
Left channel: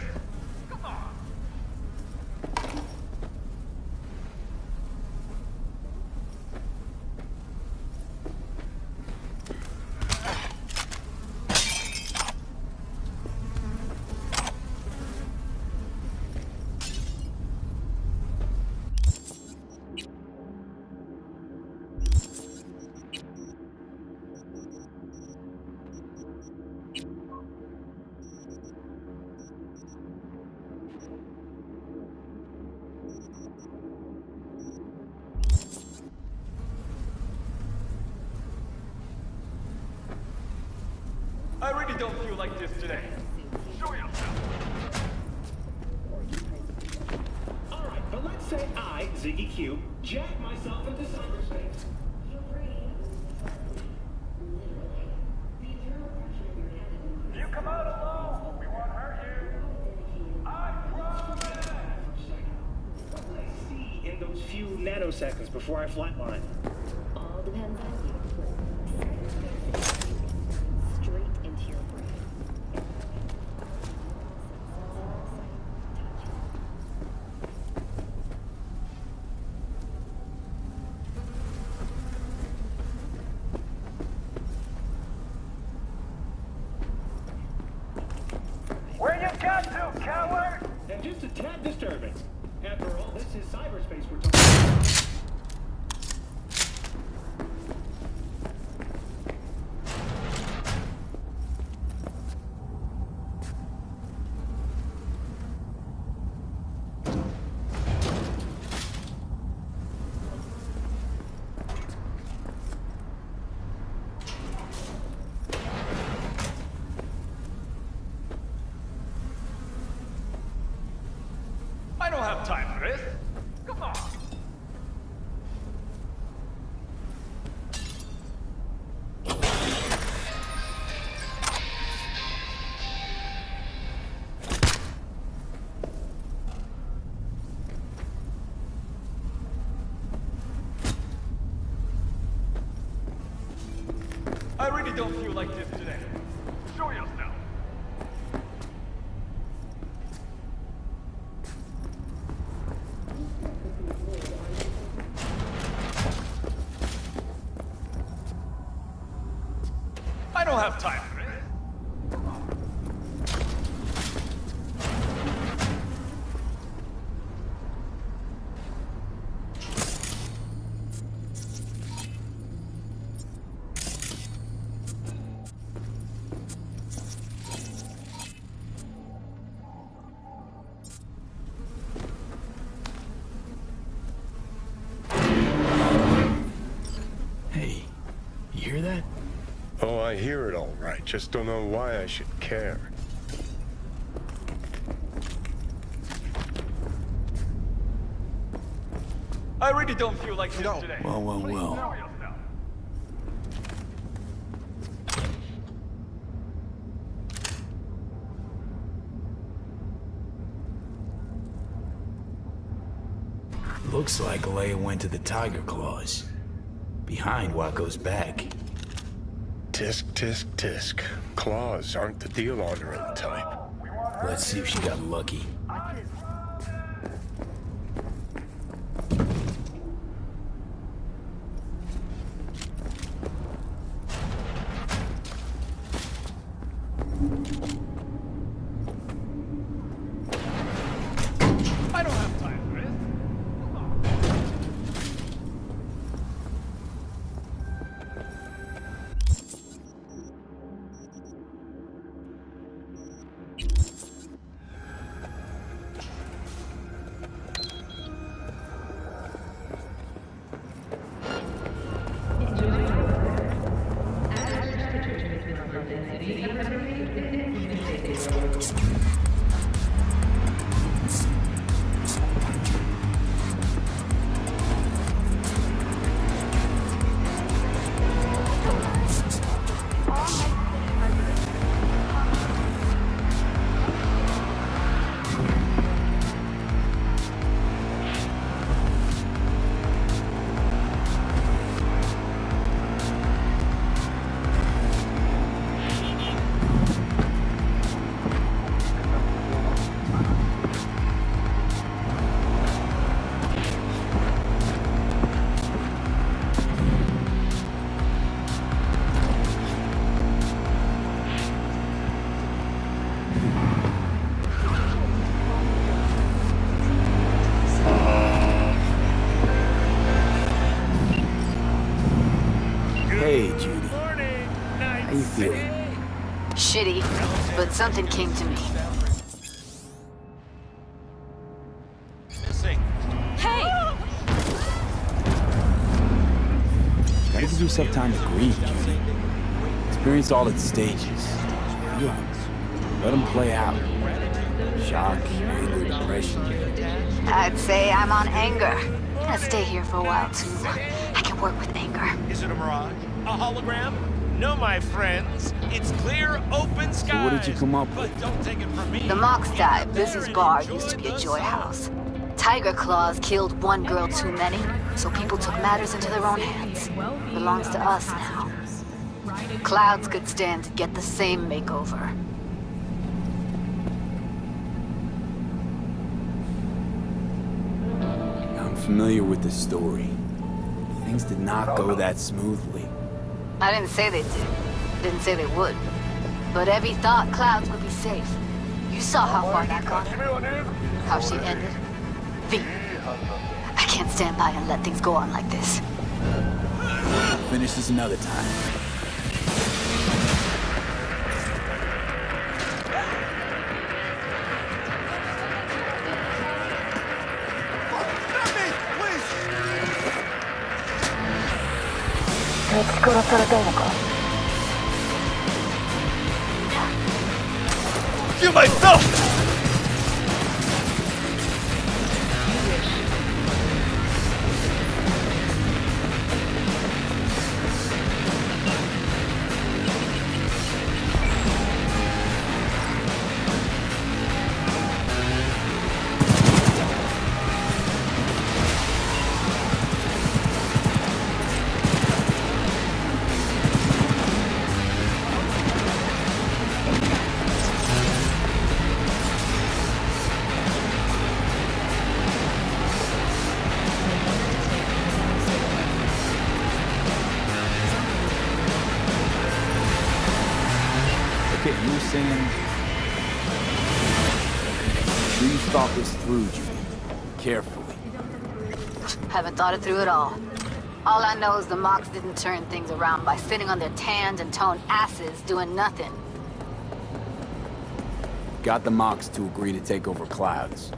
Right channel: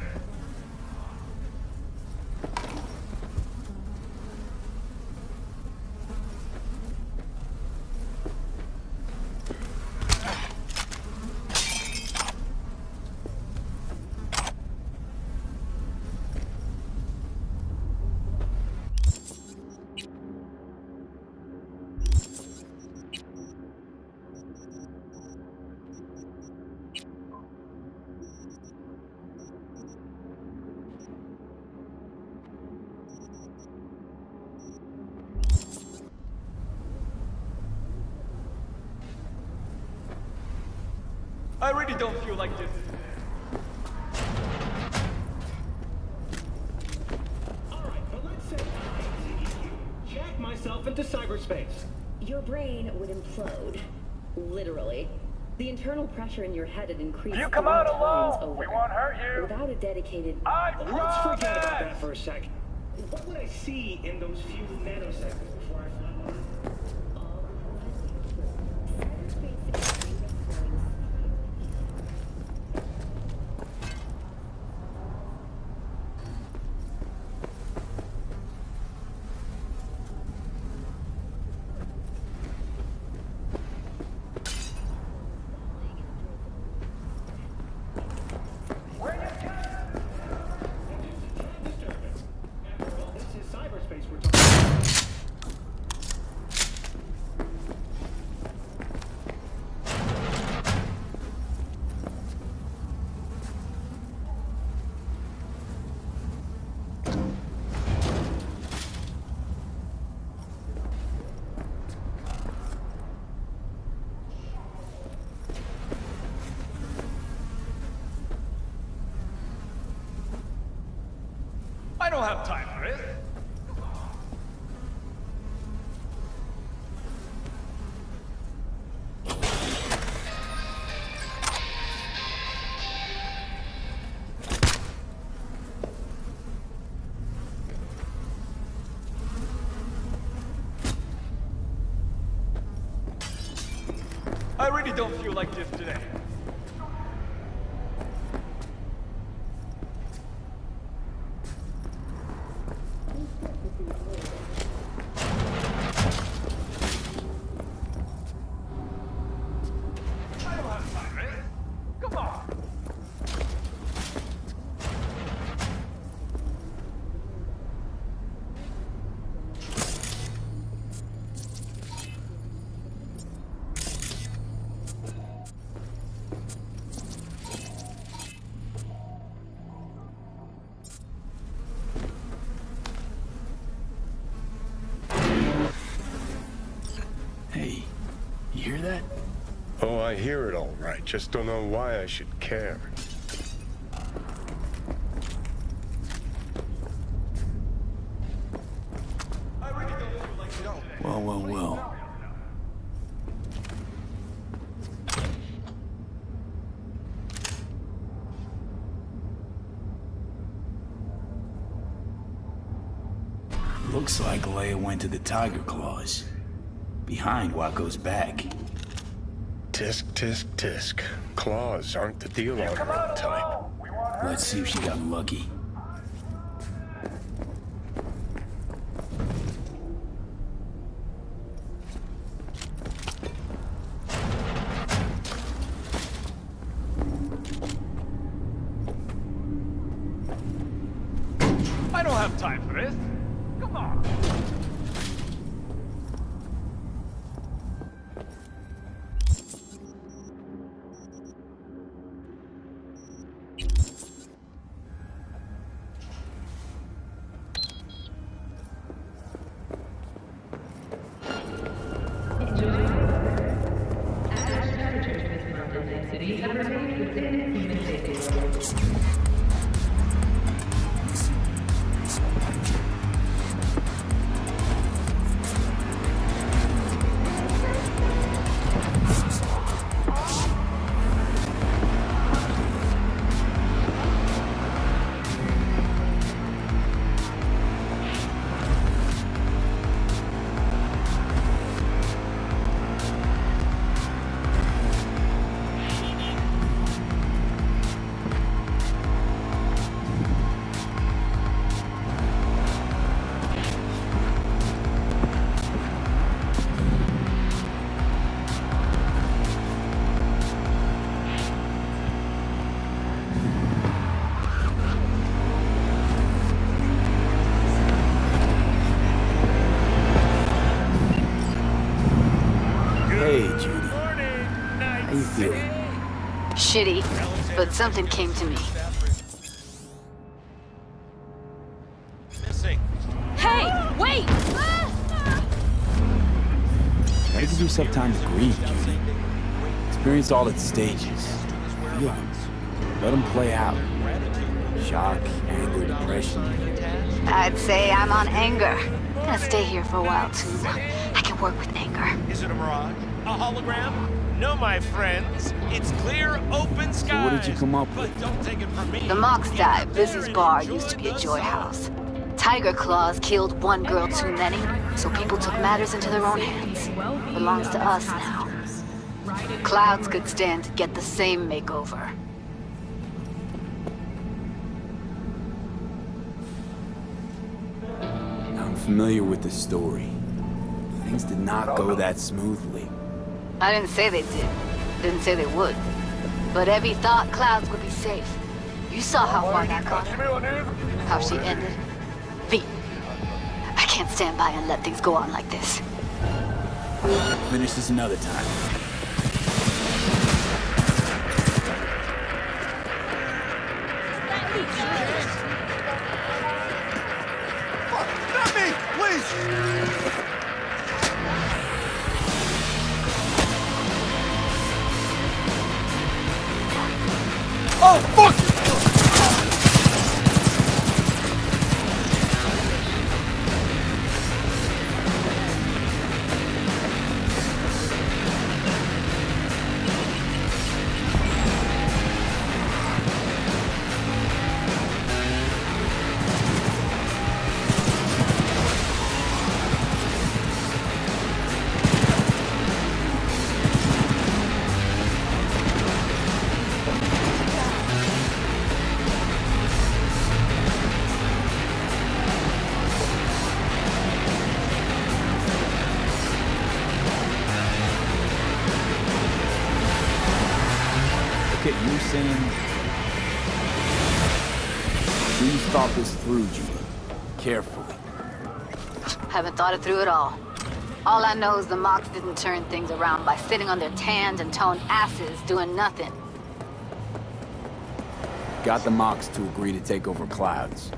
I really don't feel like this today. Alright, but let's say I, ZEQ, jack myself into cyberspace. Your brain would implode. Literally. The internal pressure in your head had increased. You come out alone! We won't hurt you! Without a dedicated... I Let's forget about promise! that for a sec. What would I see in those few nanoseconds before I flatline? All depends on you. Cyberspace security is going straight into your brain. Where you got to, coward? And just a tad disturbing. After all, this is cyberspace we're talking about. I don't have time for this. Come on. I really don't feel like this today. Show yourself. I don't have time for this. Come on. Hey, you hear that? Oh, I hear it all right. Just don't know why I should care. I really don't feel like this today. Well, well, Please well. show yourself. Looks like Leia went to the Tiger Claws. Behind Waco's back. Tisk, tisk, tisk. Claws aren't the deal on her type. Let's see if she got lucky. I don't have time for this. Come on. Hey, Judy. How you feeling? Shitty, but something came to me. Missing. Hey, wait! Gotta give yourself time to grieve, Judy. Experience all its stages. Feel them. Let them play out. Shock, anger, depression. I'd say I'm on anger. I'm gonna stay here for a while too. I can work with anger. Is it a mirage? A hologram? No, my friends. It's clear, open skies. So what did you come up with? But don't take it from me. The Mox died. Get out Business there bar and used to be a enjoy joy the house. Tiger Claws killed one girl too many, so people took matters into their own hands. Belongs to us now. Clouds could stand to get the same makeover. I'm familiar with the story. Things did not go that smoothly. I didn't say they did. Didn't say they would. But Evie thought Clouds would be safe. You saw how far that got her. How she ended. V. I can't stand by and let things go on like this. Finish this another time. Not me! Please! Oh, fuck you myself! Okay, you were saying... Sure you thought this through, Judy. Carefully. Haven't thought it through at all. All I know is the Mox didn't turn things around by sitting on their tanned and toned asses doing nothing. Got the Mox to agree to take over Clouds.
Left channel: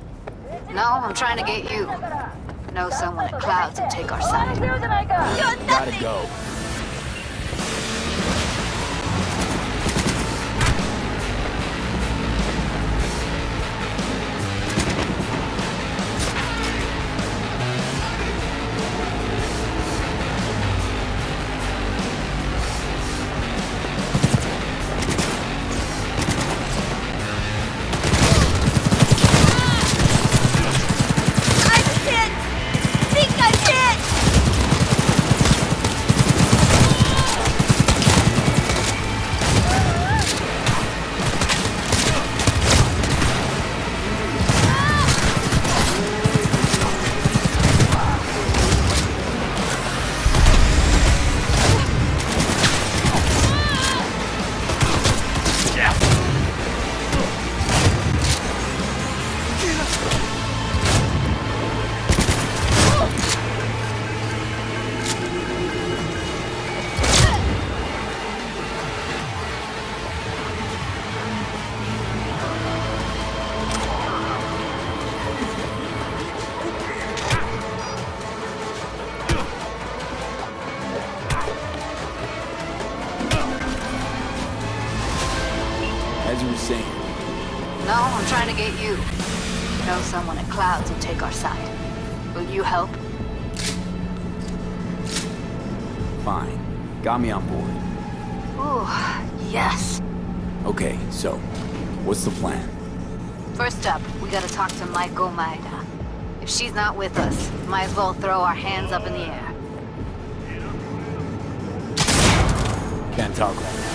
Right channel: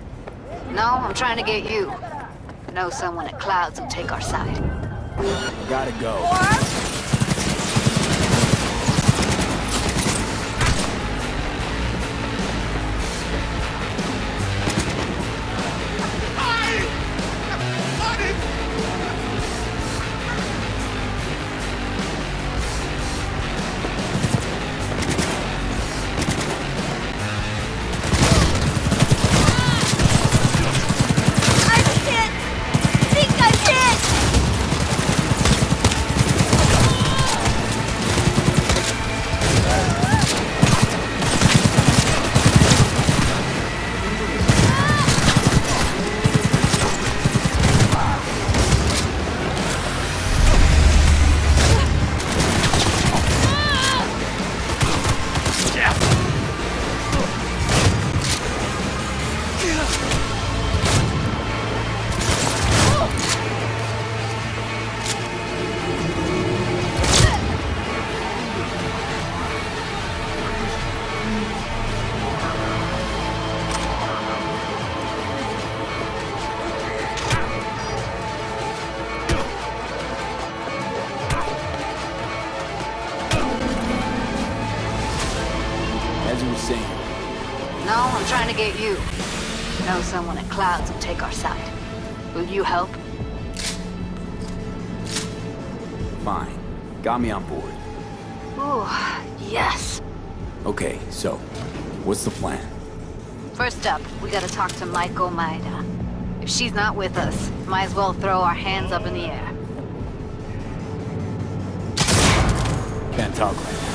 No, I'm trying to get you. Know someone at Clouds and take our side. Gotta go. As you were saying. No, I'm trying to get you. Know someone at Clouds and take our side. Will you help? Fine. Got me on board. Oh, yes. Okay, so, what's the plan? First up, we gotta talk to Maiko Maeda. If she's not with us, might as well throw our hands up in the air. Can't talk right now.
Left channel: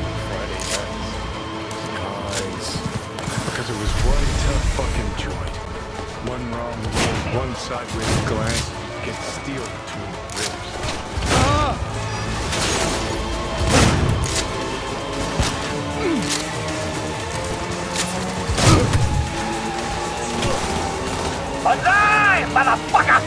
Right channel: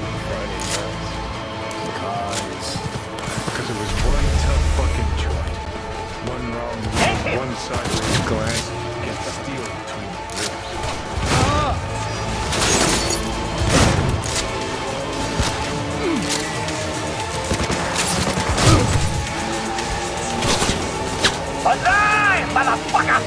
and Friday nights. Because it was one tough fucking joint. One wrong move, one sideways glance, gets steel between the ribs. Alive, motherfucker!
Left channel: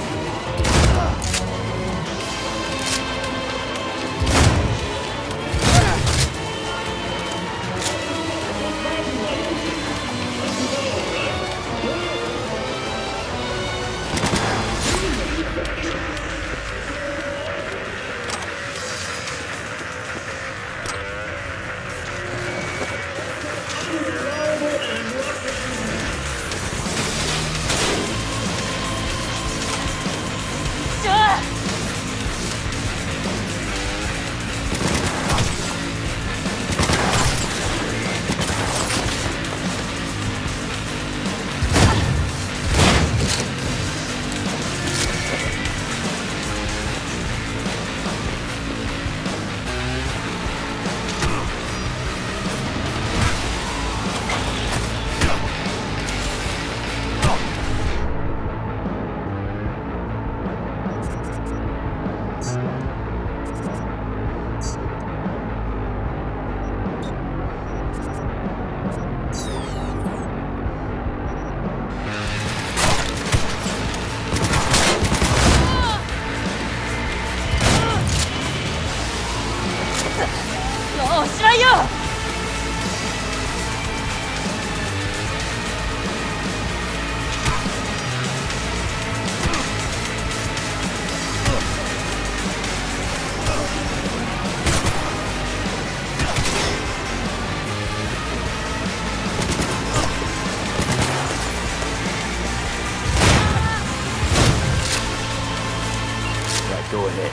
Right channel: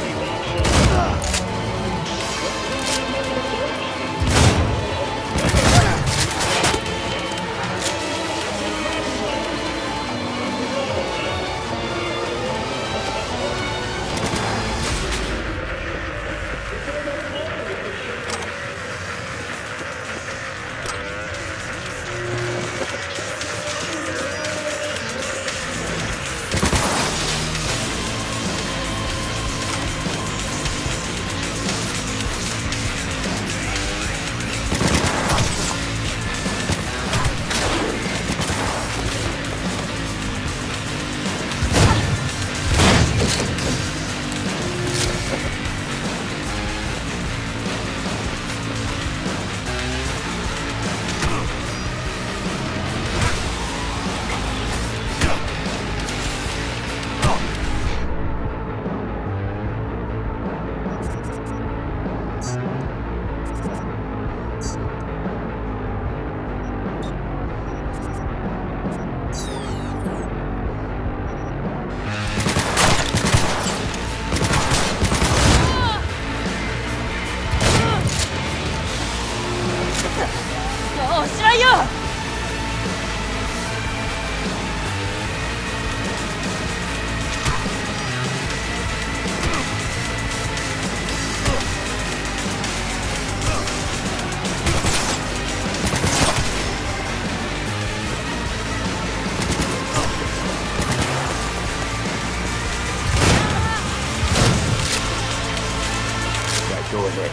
Go ahead.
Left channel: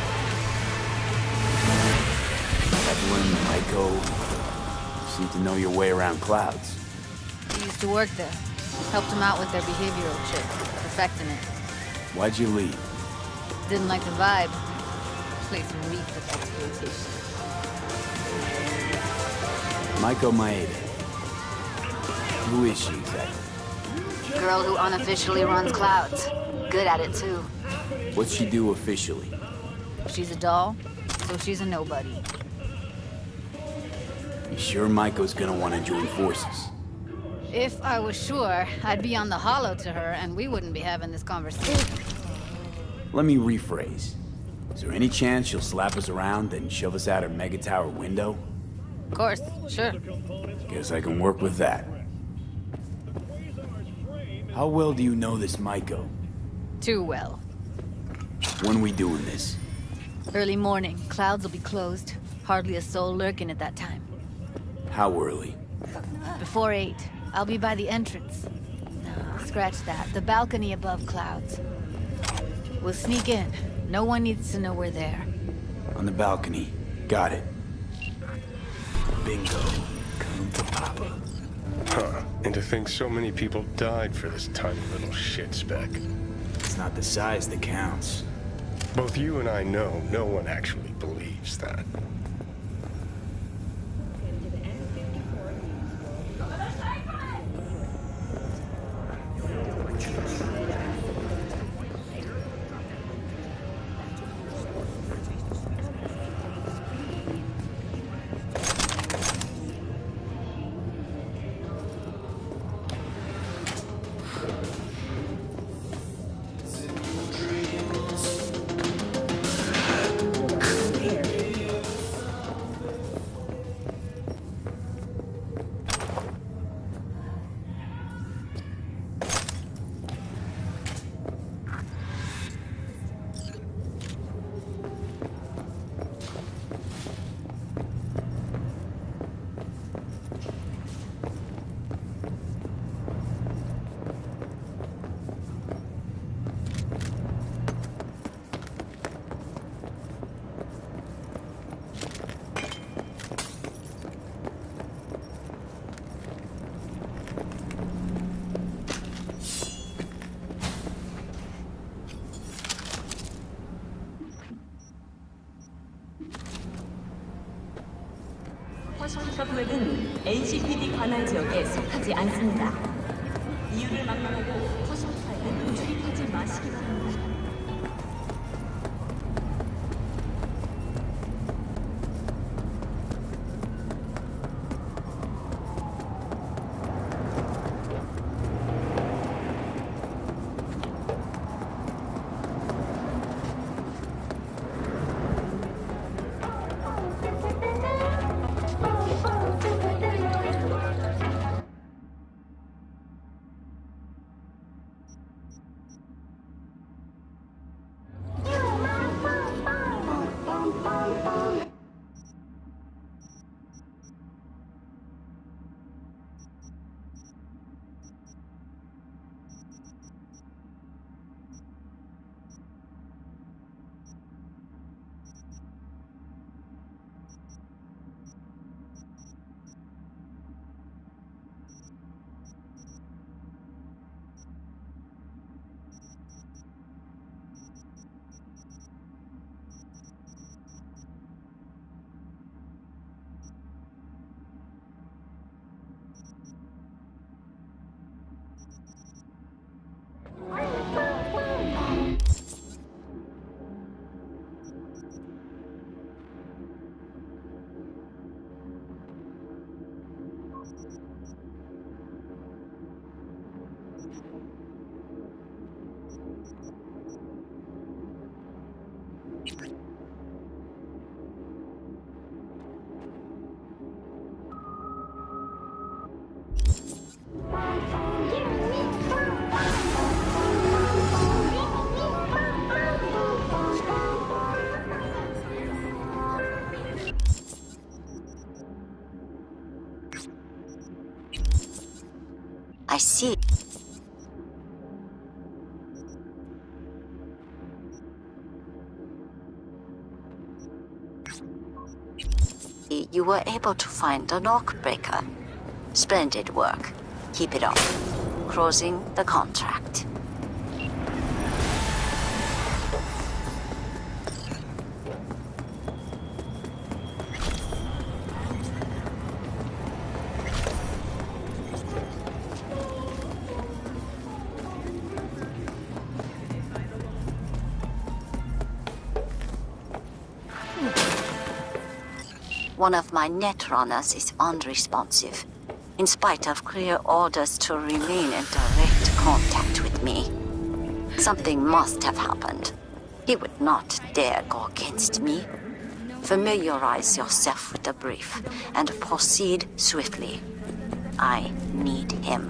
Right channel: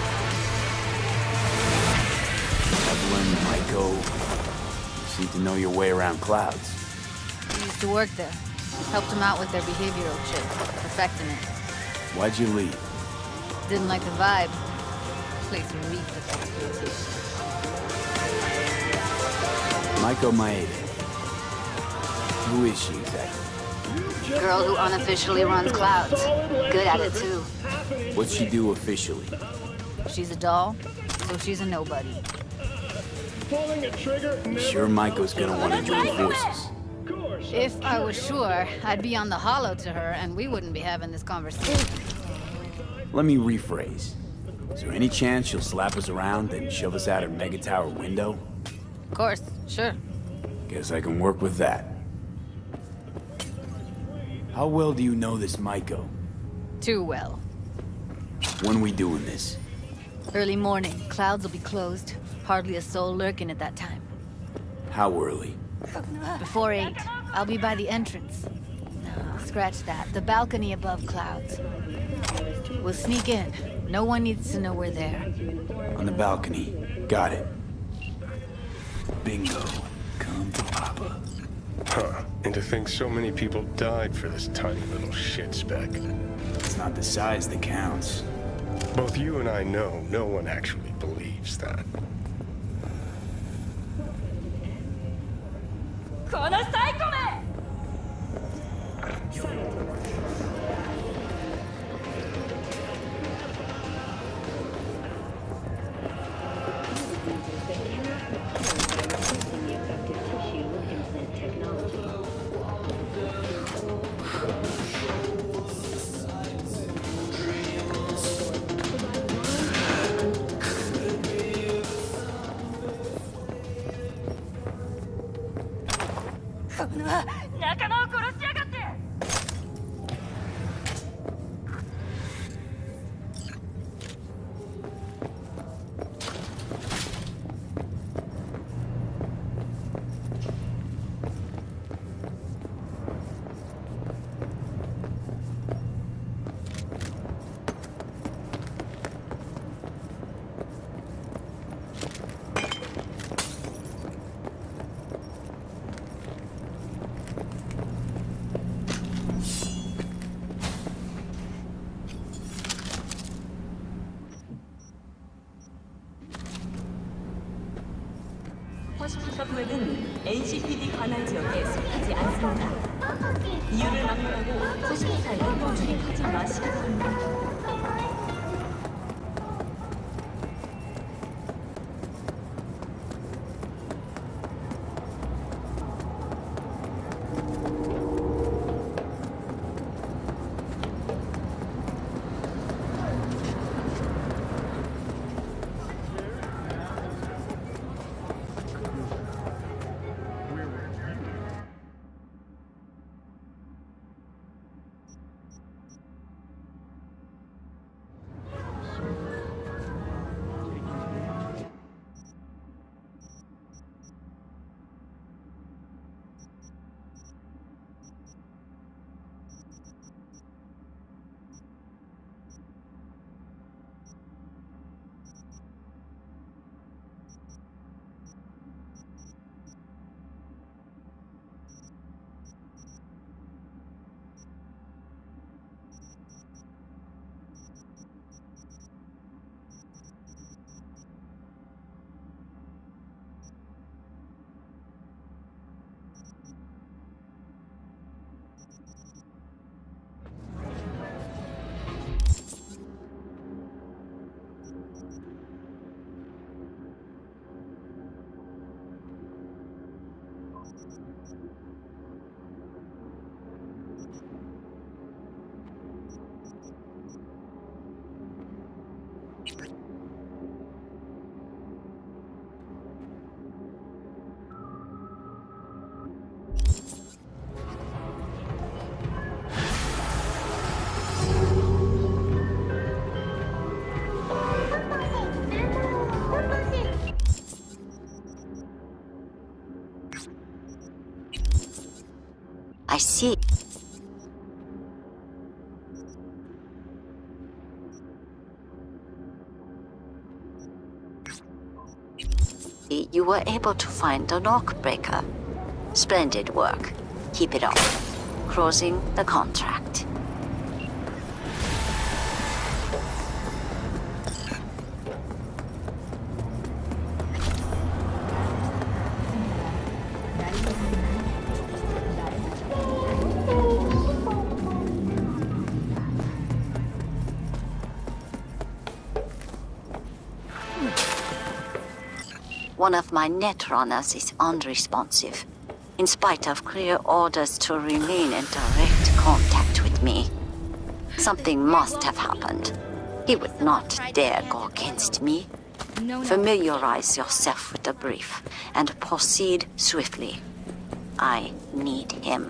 Evelyn, Maiko, you seem to know your way around clouds. I used to work there. Helped them out with their behavioral chip, perfecting it. Why'd you leave? Didn't like the vibe. Place reeked of exploitation. Maiko Maeda. Who is she exactly? Girl who unofficially runs clouds. Good at it too. What's she do officially? She's a doll, so she's a nobody. You sure Maiko's gonna want to join forces? If I was sure, I'd be on the hollow to her and we wouldn't be having this conversation. Let me rephrase. Is there any chance she'll slap us around and shove us out her mega tower window? Of course, sure. Guess I can work with that. How well do you know this Maiko? Too well. When we doing this? Early morning. Clouds will be closed. Hardly a soul lurking at that time. How early? Before 8. I'll be by the entrance. No, scratch that. The balcony above clouds. We'll sneak in. No one needs to know we're there. On the balcony. Got it. Bingo. Come to Papa. Huh. And to think so many people died for this tiny little shit speck. It's not the size that counts. Both you and I know no one actually believes that. 셔프웹은 NCPD 관할 지역에 속하지 않습니다. 이유를 막론하고 호스피탈에는 출입하지 마시기 바랍니다. I see. You were able to find the lock breaker. Splendid work. Keep it up. Closing the contract. One of my net runners is unresponsive, in spite of clear orders to remain in direct contact with me. Something must have happened. He would not dare go against me. Familiarize yourself with the brief and proceed swiftly. I need him.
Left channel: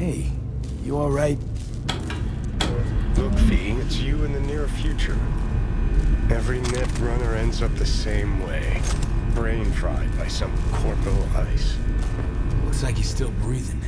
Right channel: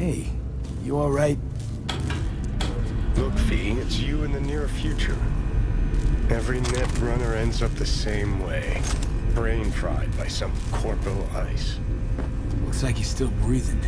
Hey, you alright? Look, V, it's you in the near future. Every net runner ends up the same way. Brain fried by some corporal ice. Looks like he's still breathing.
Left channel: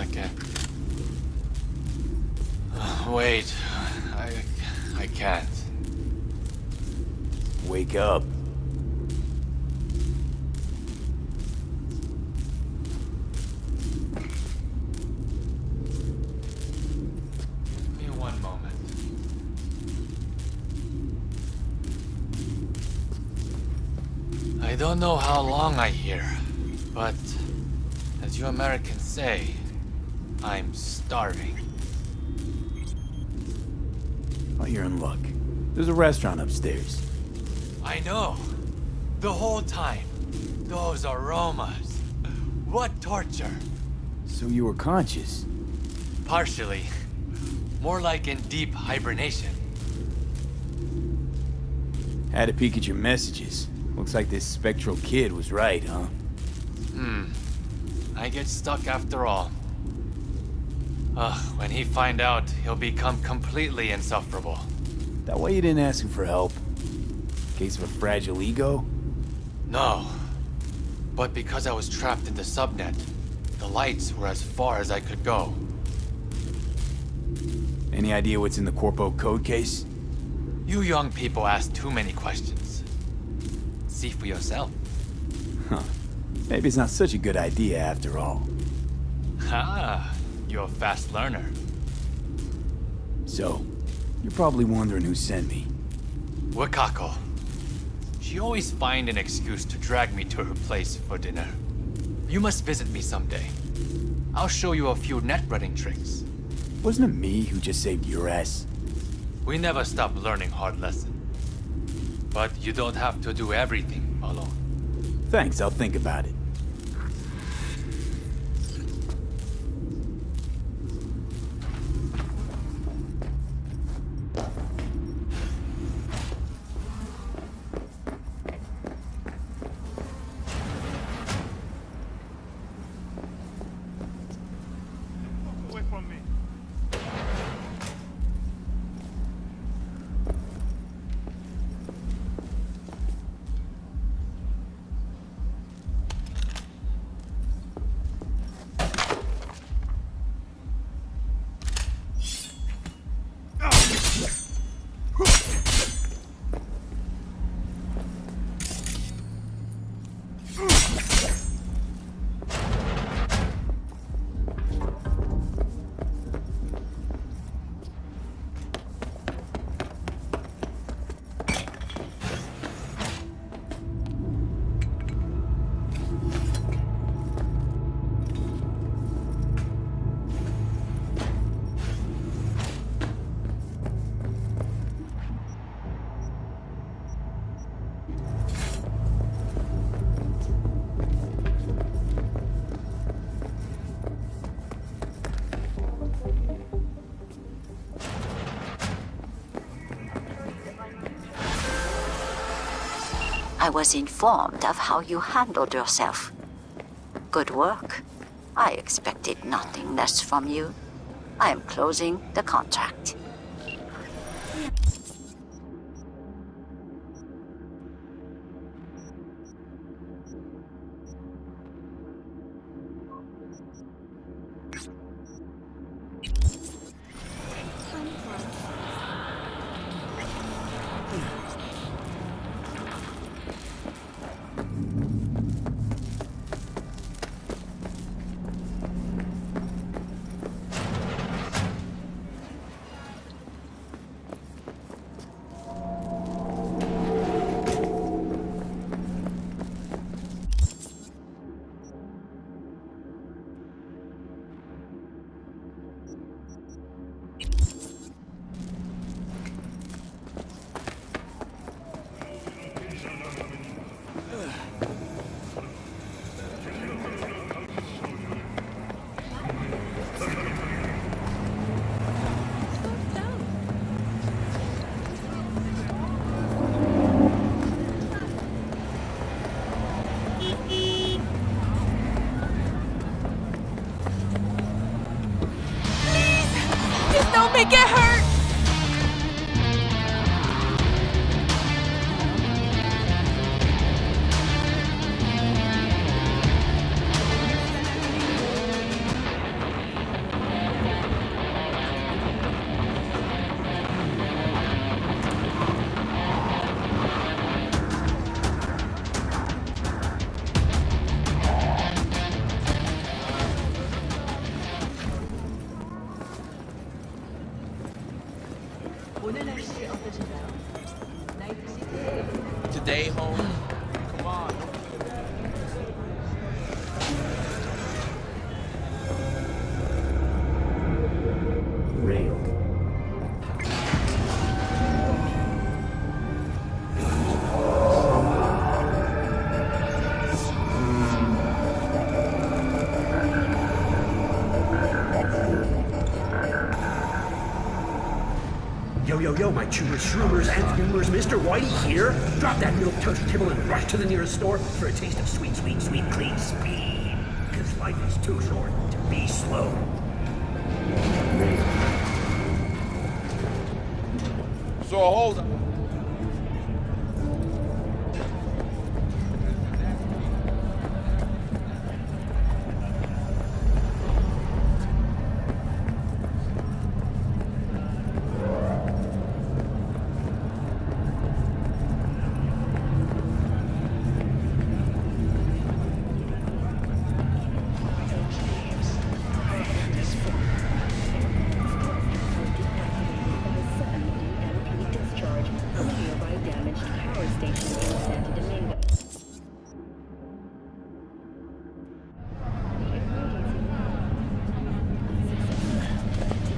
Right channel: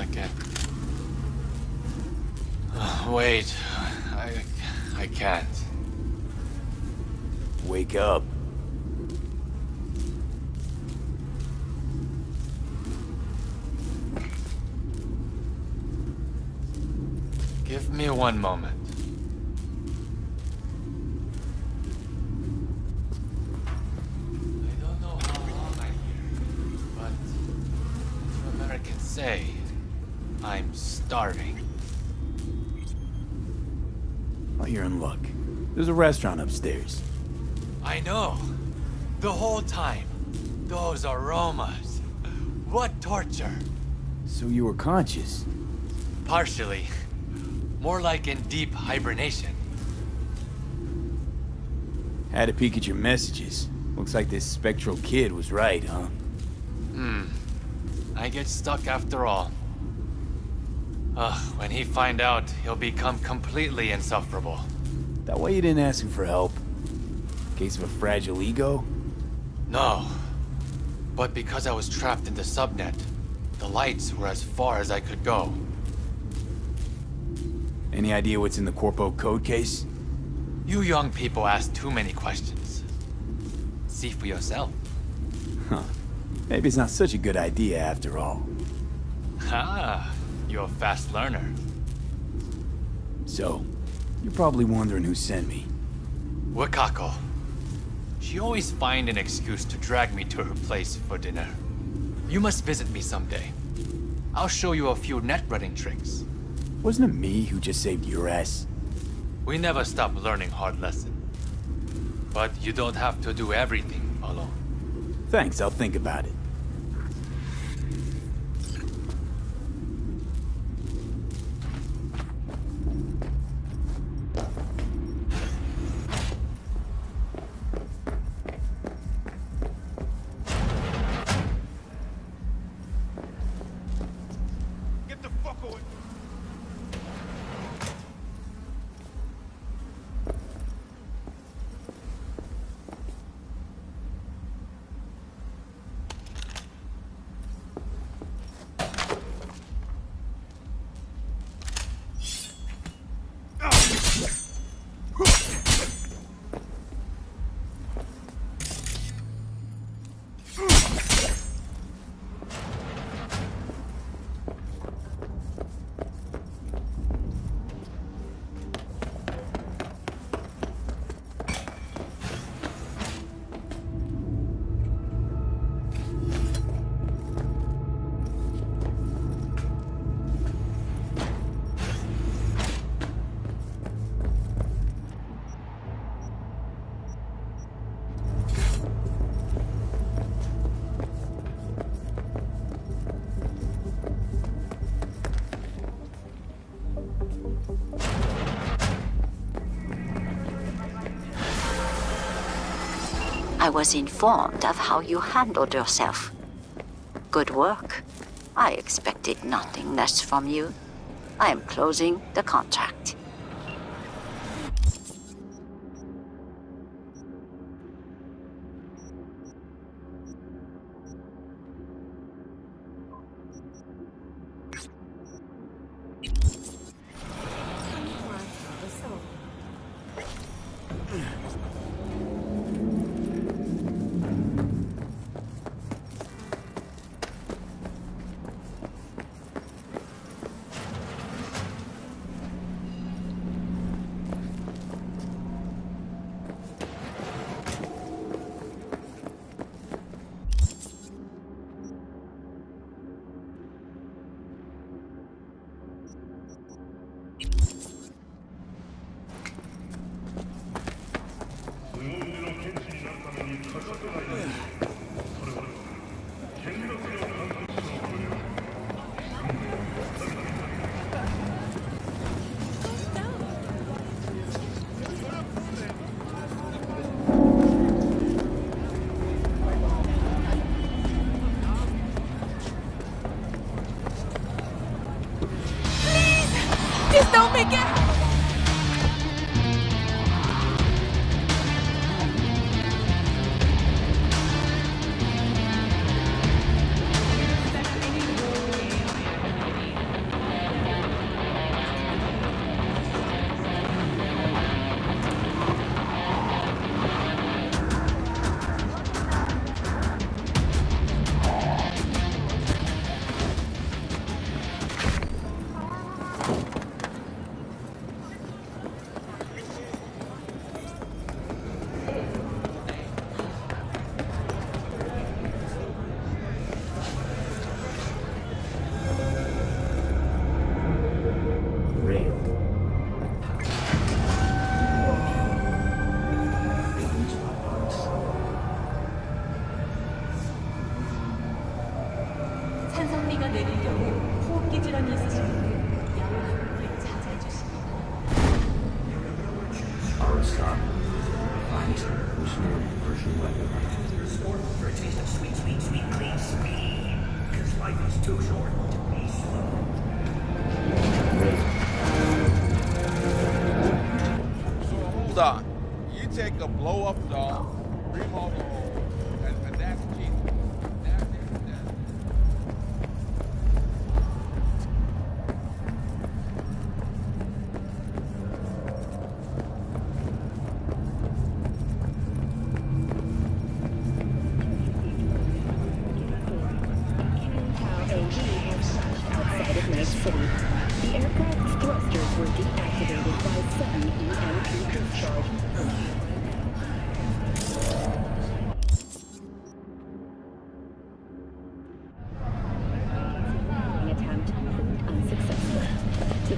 second. Wait, I can't. Wake up. Give me one moment. I don't know how long I here, but as you Americans say, I'm starving. Oh, you're in luck. There's a restaurant upstairs. I know. The whole time. Those aromas. What torture. So you were conscious? Partially. More like in deep hibernation. Had to peek at your messages. Looks like this spectral kid was right, huh? I get stuck after all. When he find out, he'll become completely insufferable. That why you didn't ask him for help? Case of a fragile ego? No. But because I was trapped in the subnet, the lights were as far as I could go. Any idea what's in the Corpo code case? You young people ask too many questions. See for yourself. Huh. Maybe it's not such a good idea after all. Ah, you're a fast learner. So, you're probably wondering who sent me. Wakako. She always find an excuse to drag me to her place for dinner. You must visit me someday. I'll show you a few net-running tricks. Wasn't it me who just saved your ass? We never stop learning hard lessons. But you don't have to do everything alone. Thanks, I'll think about it. I was informed of how you handled yourself. Good work. I expected nothing less from you. I am closing the contract. Just don't make it hurt! Yo, my chewers, shroomers, and boomers, Mr. Whitey here. Drop that milk toast kibble and rush to the nearest store for a taste of sweet, clean speed. Because life is too short to be slow. So hold on. You take the blow-up doll, bring all the hole, and that's key.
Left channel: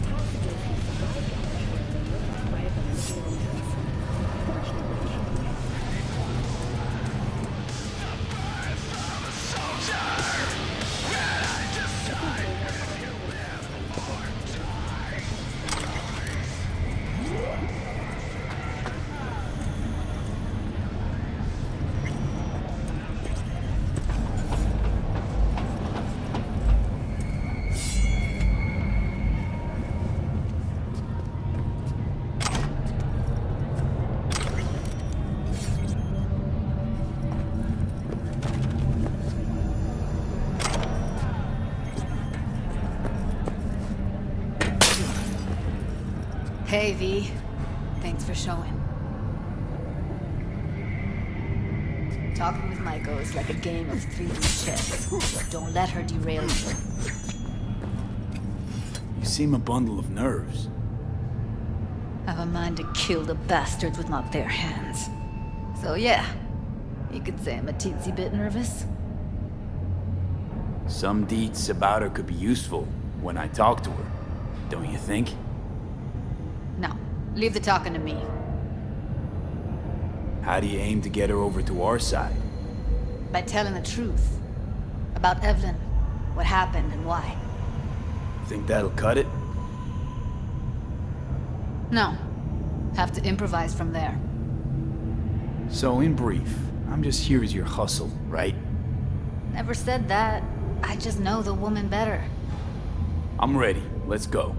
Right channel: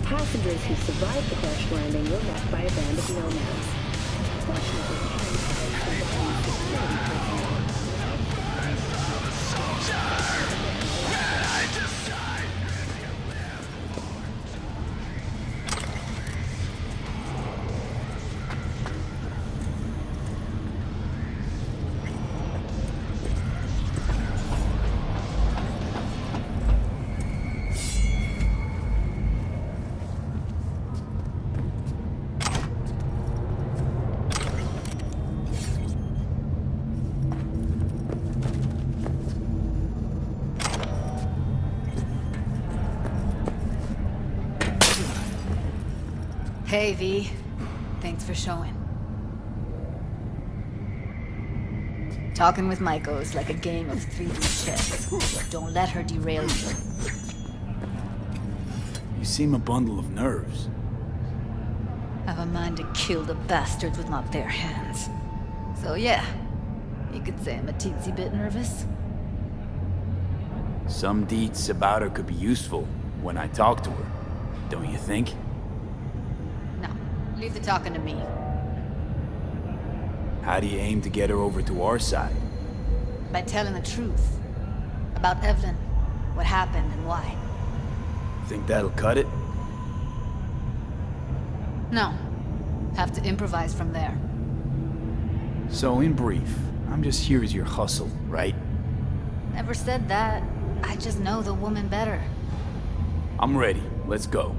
Passengers who survived the crash landing were left by a band of nomads. Fortunately, Hey, V. Thanks for showing. Talking with Maiko is like a game of 3D chess. Don't let her derail you. You seem a bundle of nerves. Have a mind to kill the bastards with my bare hands. So yeah, you could say I'm a teensy bit nervous. Some deets about her could be useful when I talk to her, don't you think? No, leave the talking to me. How do you aim to get her over to our side? By telling the truth. About Evelyn, what happened and why. Think that'll cut it? No. Have to improvise from there. So in brief, I'm just here as your hustle, right? Never said that. I just know the woman better. I'm ready. Let's go.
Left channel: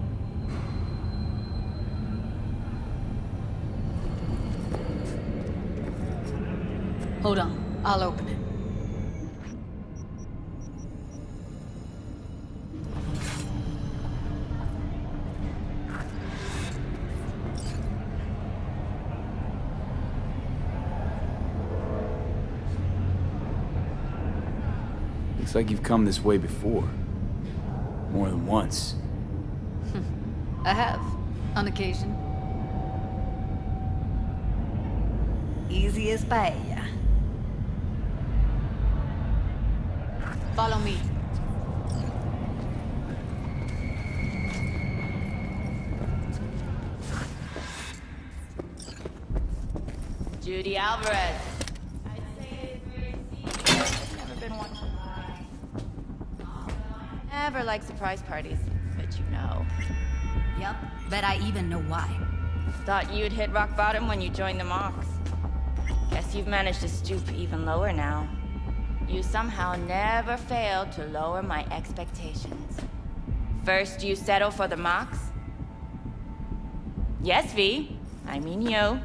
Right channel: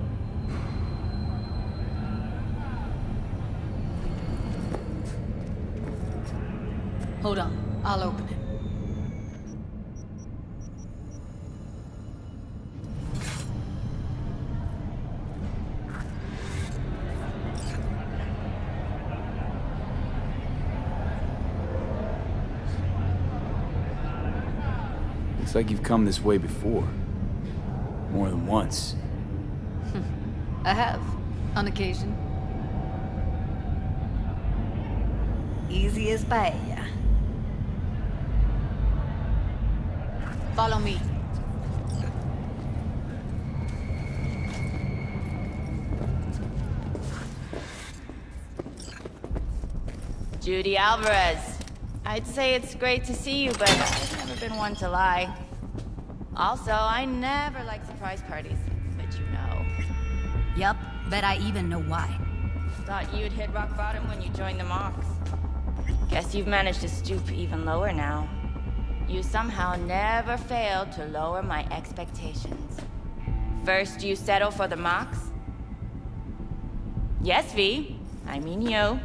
Hold on. I'll open it. Looks like you've come this way before. More than once. I have, on occasion. Easy as paella. Follow me. Judy Alvarez. I'd say it's great to see you, but I've never been one to lie. Also, I never like surprise parties, but you know. Yup, bet I even know why. Thought you'd hit rock bottom when you joined the Mox. Guess you've managed to stoop even lower now. You somehow never failed to lower my expectations. First, you settle for the Mox? Yes, V. I mean you.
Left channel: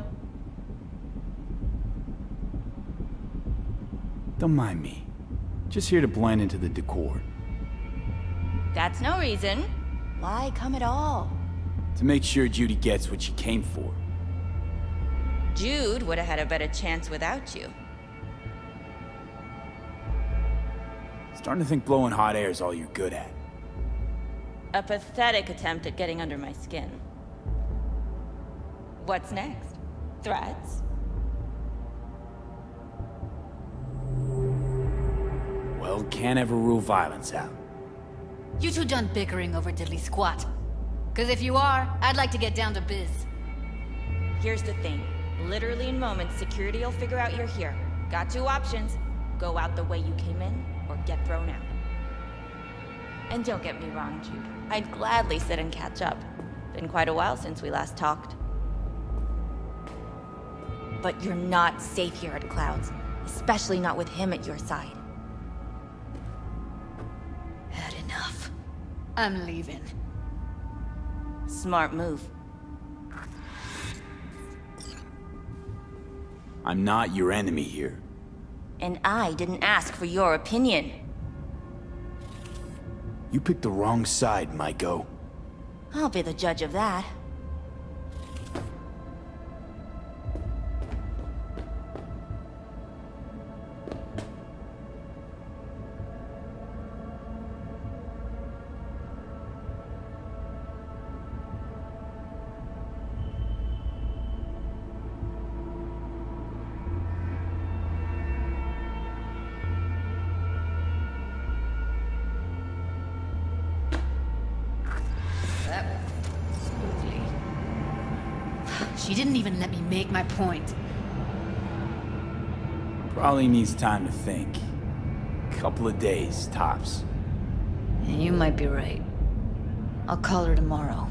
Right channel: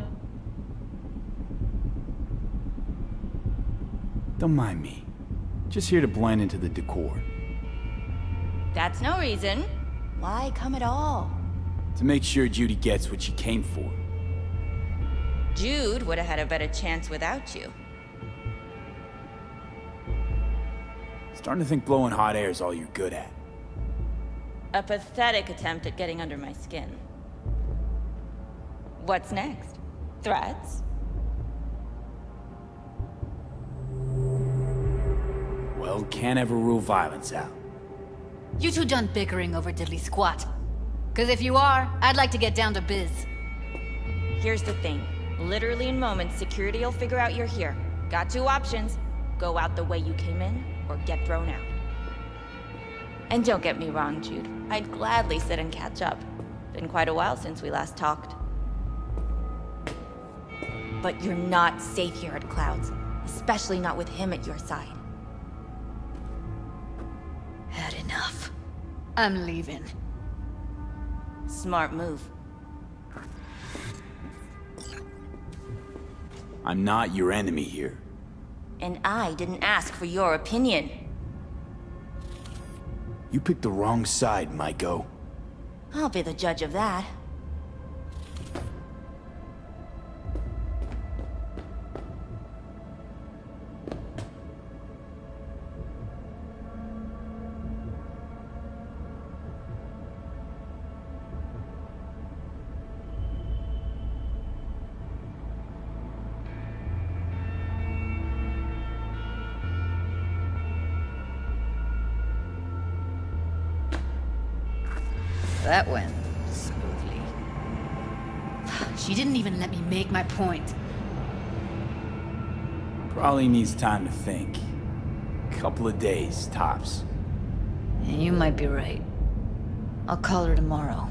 Don't mind me. Just here to blend into the decor. That's no reason. Why come at all? To make sure Judy gets what she came for. Jude would have had a better chance without you. Starting to think blowing hot air is all you're good at. A pathetic attempt at getting under my skin. What's next? Threats? Well, can't ever rule violence out. You two done bickering over diddly squat? Cause if you are, I'd like to get down to biz. Here's the thing. Literally in moments, security will figure out you're here. Got two options. Go out the way you came in, or get thrown out. And don't get me wrong, Jude. I'd gladly sit and catch up. Been quite a while since we last talked. But you're not safe here at Clouds, especially not with him at your side. Had enough. I'm leaving. Smart move. I'm not your enemy here. And I didn't ask for your opinion. You picked the wrong side, Maiko. I'll be the judge of that. That went smoothly. She didn't even let me make my point. Probably needs time to think. Couple of days, tops. And you might be right. I'll call her tomorrow.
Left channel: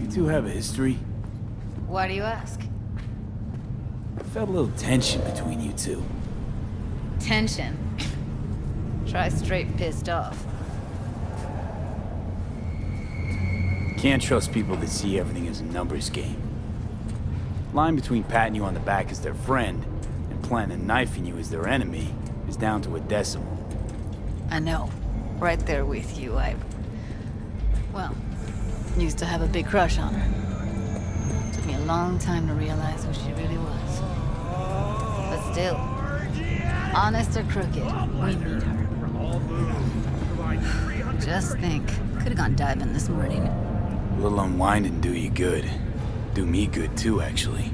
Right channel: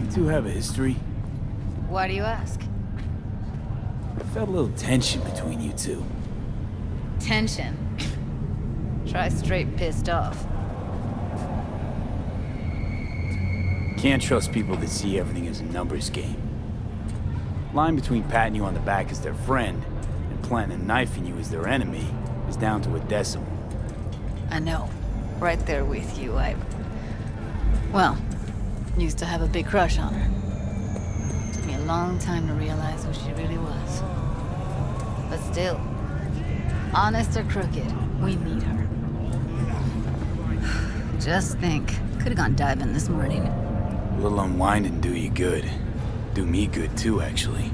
You two have a history? Why do you ask? I felt a little tension between you two. Tension. Try straight pissed off. Can't trust people that see everything as a numbers game. Line between patting you on the back as their friend and planting a knife in you as their enemy is down to a decimal. I know. Right there with you, well, used to have a big crush on her. Took me a long time to realize who she really was. But still, honest or crooked, we need her. Just think, could have gone diving this morning. A little unwinding do you good. Do me good too, actually.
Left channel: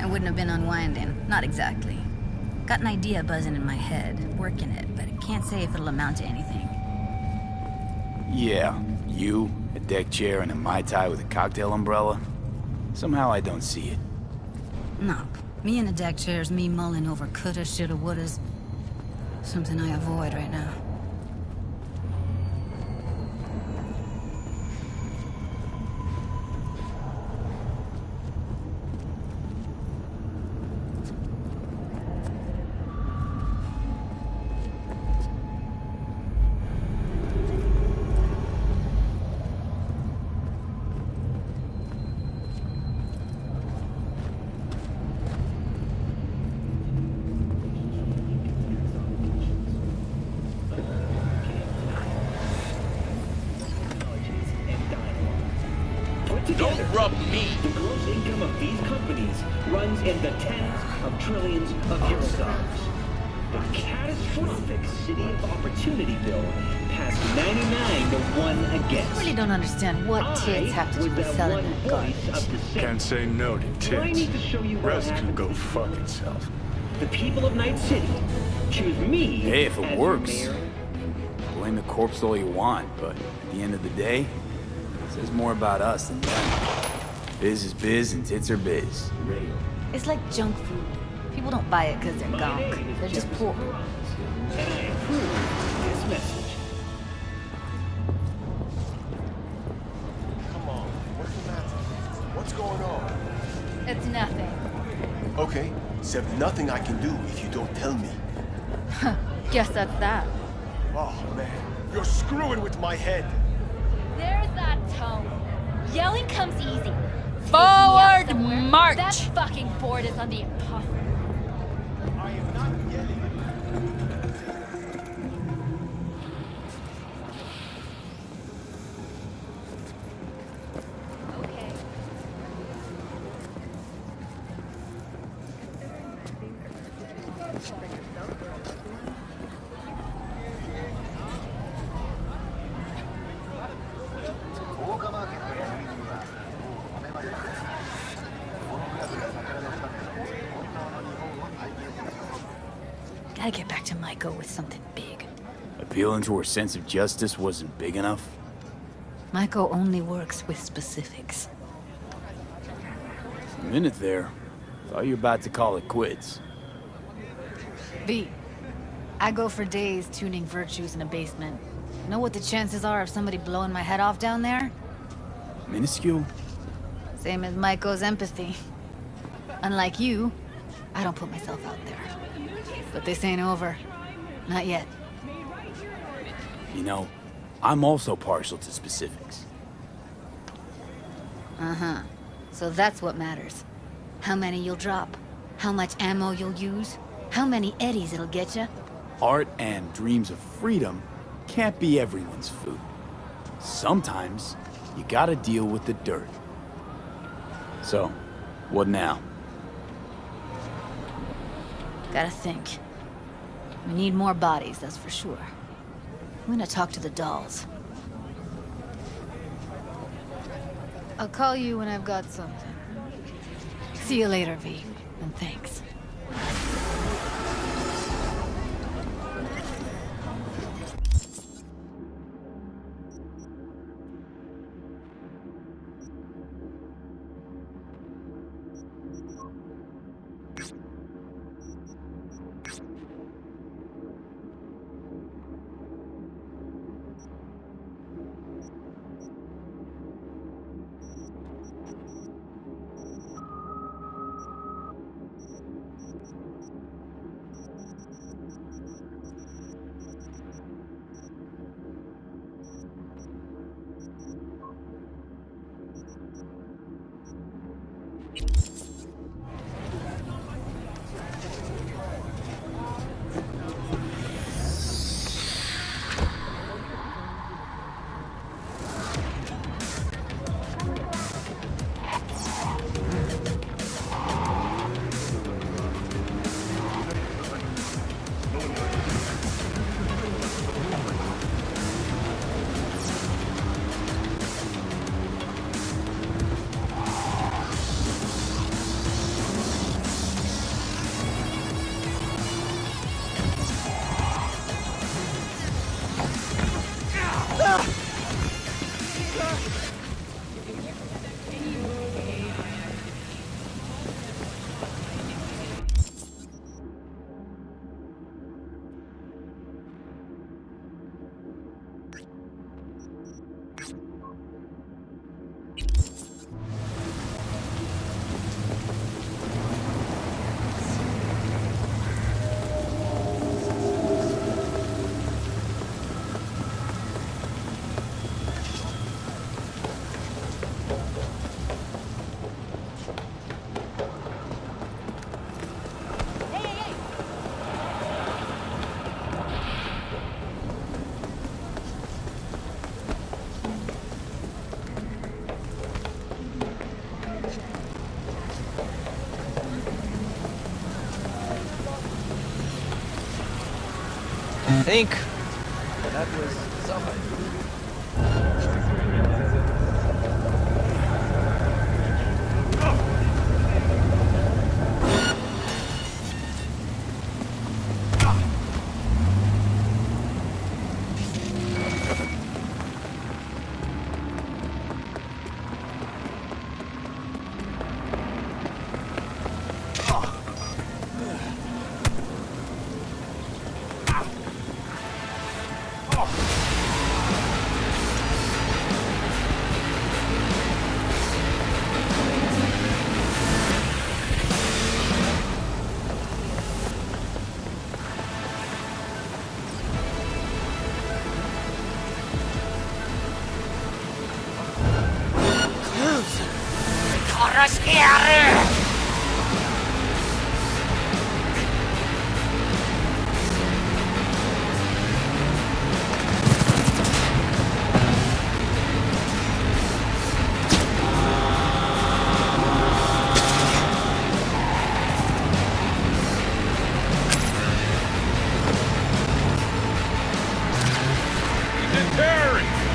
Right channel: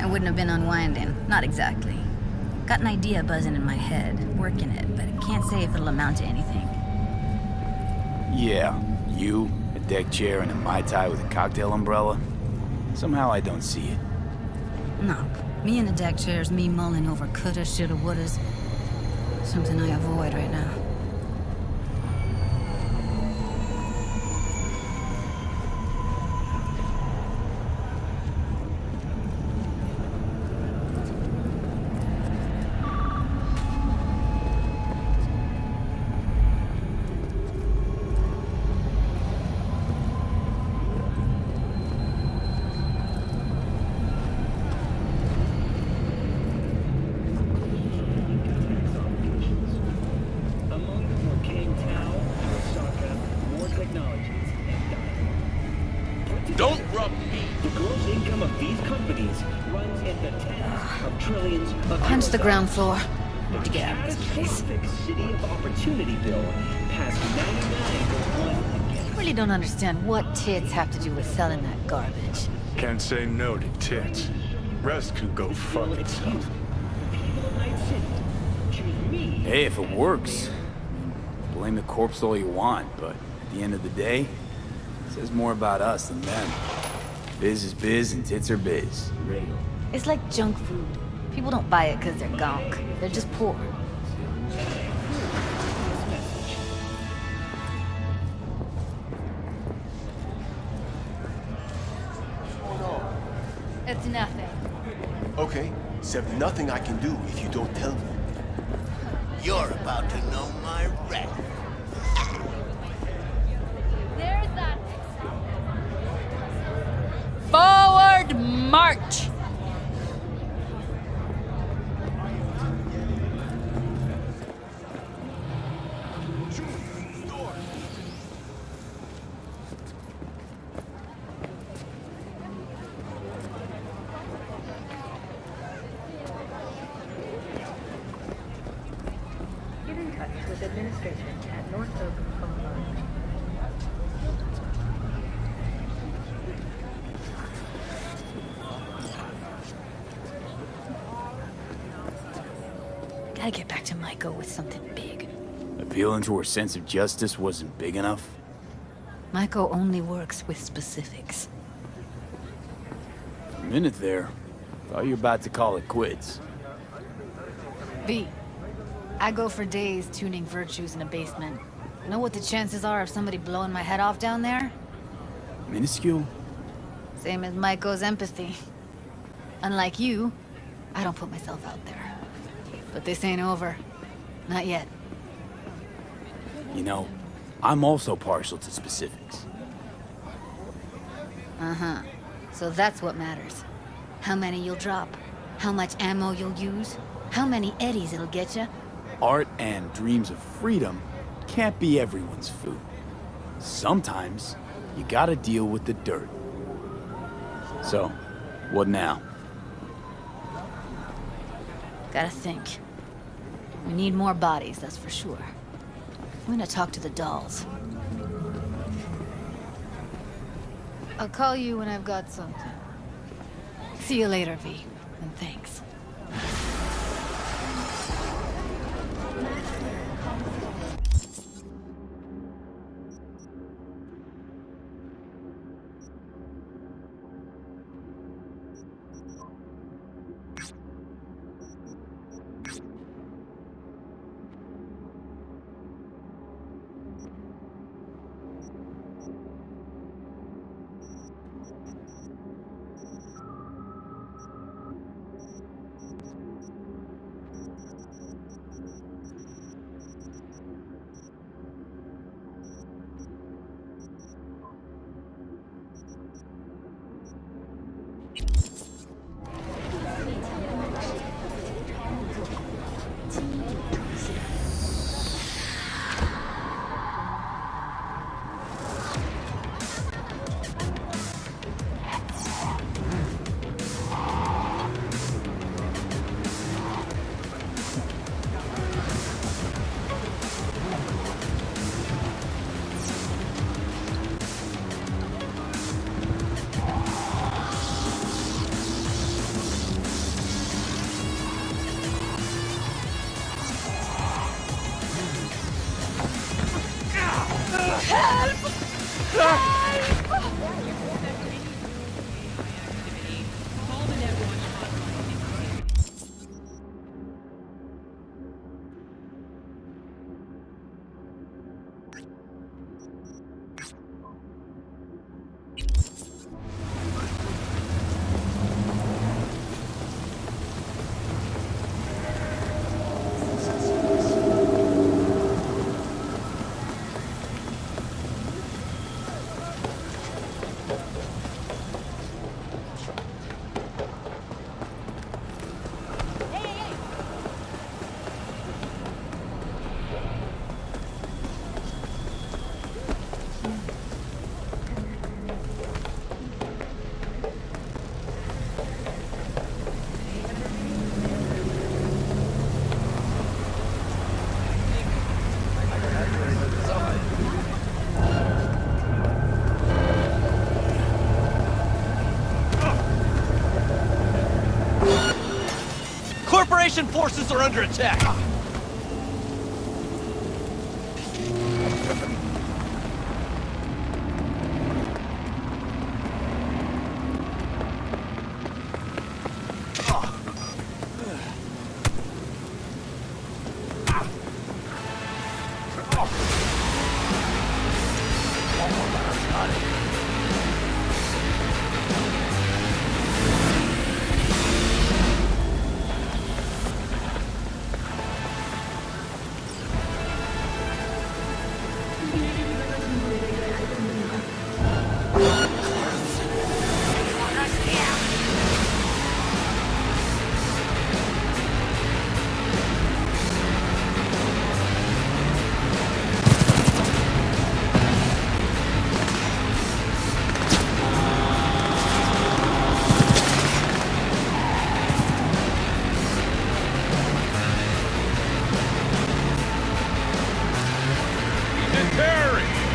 I wouldn't have been unwinding. Not exactly. Got an idea buzzing in my head, working it, but I can't say if it'll amount to anything. Yeah, you, a deck chair, and a Mai Tai with a cocktail umbrella. Somehow I don't see it. No, me in a deck chair's me mulling over coulda, shoulda, wouldas. Something I avoid right now. Don't rub me. The gross income of these companies runs in the tens of trillions of Punch the euros. ground floor. The catastrophic City of Opportunity bill passed 99 to 1 against. I really don't understand what tits have to do with selling that garbage. Can't say no to tits. Rest can go fuck itself. The people of Night City choose me. Hey, if as it works. mayor. Blame the corpse all you want, but at the end of the day, it says more about us than them. Biz is biz and tits are biz. It's like junk food. People don't buy it because they're gunk. They're just poor. And I approve this message. What's going on? It's nothing. Okay, except nothing I can do if you don't tell me. Just as that. Oh, man. You're screwing with my head. There's that tone. Yelling comes easy. Forward march! That fucking board is on the impossible. I am not yelling. gotta get back to Maiko with something big. Appealing to her sense of justice wasn't big enough? Maiko only works with specifics. For a minute there, thought you were about to call it quits. V, I go for days tuning virtues in a basement. Know what the chances are of somebody blowing my head off down there? Minuscule? Same as Maiko's empathy. Unlike you, I don't put myself out there. But this ain't over. Not yet. You know, I'm also partial to specifics. Uh-huh. So that's what matters. How many you'll drop. How much ammo you'll use. How many eddies it'll get you. Art and dreams of freedom can't be everyone's food. Sometimes, you gotta deal with the dirt. So, what now? Gotta think. We need more bodies, that's for sure. I'm gonna talk to the dolls. I'll call you when I've got something. See you later, V, and thanks. think that was somebody. Corporation forces are under attack.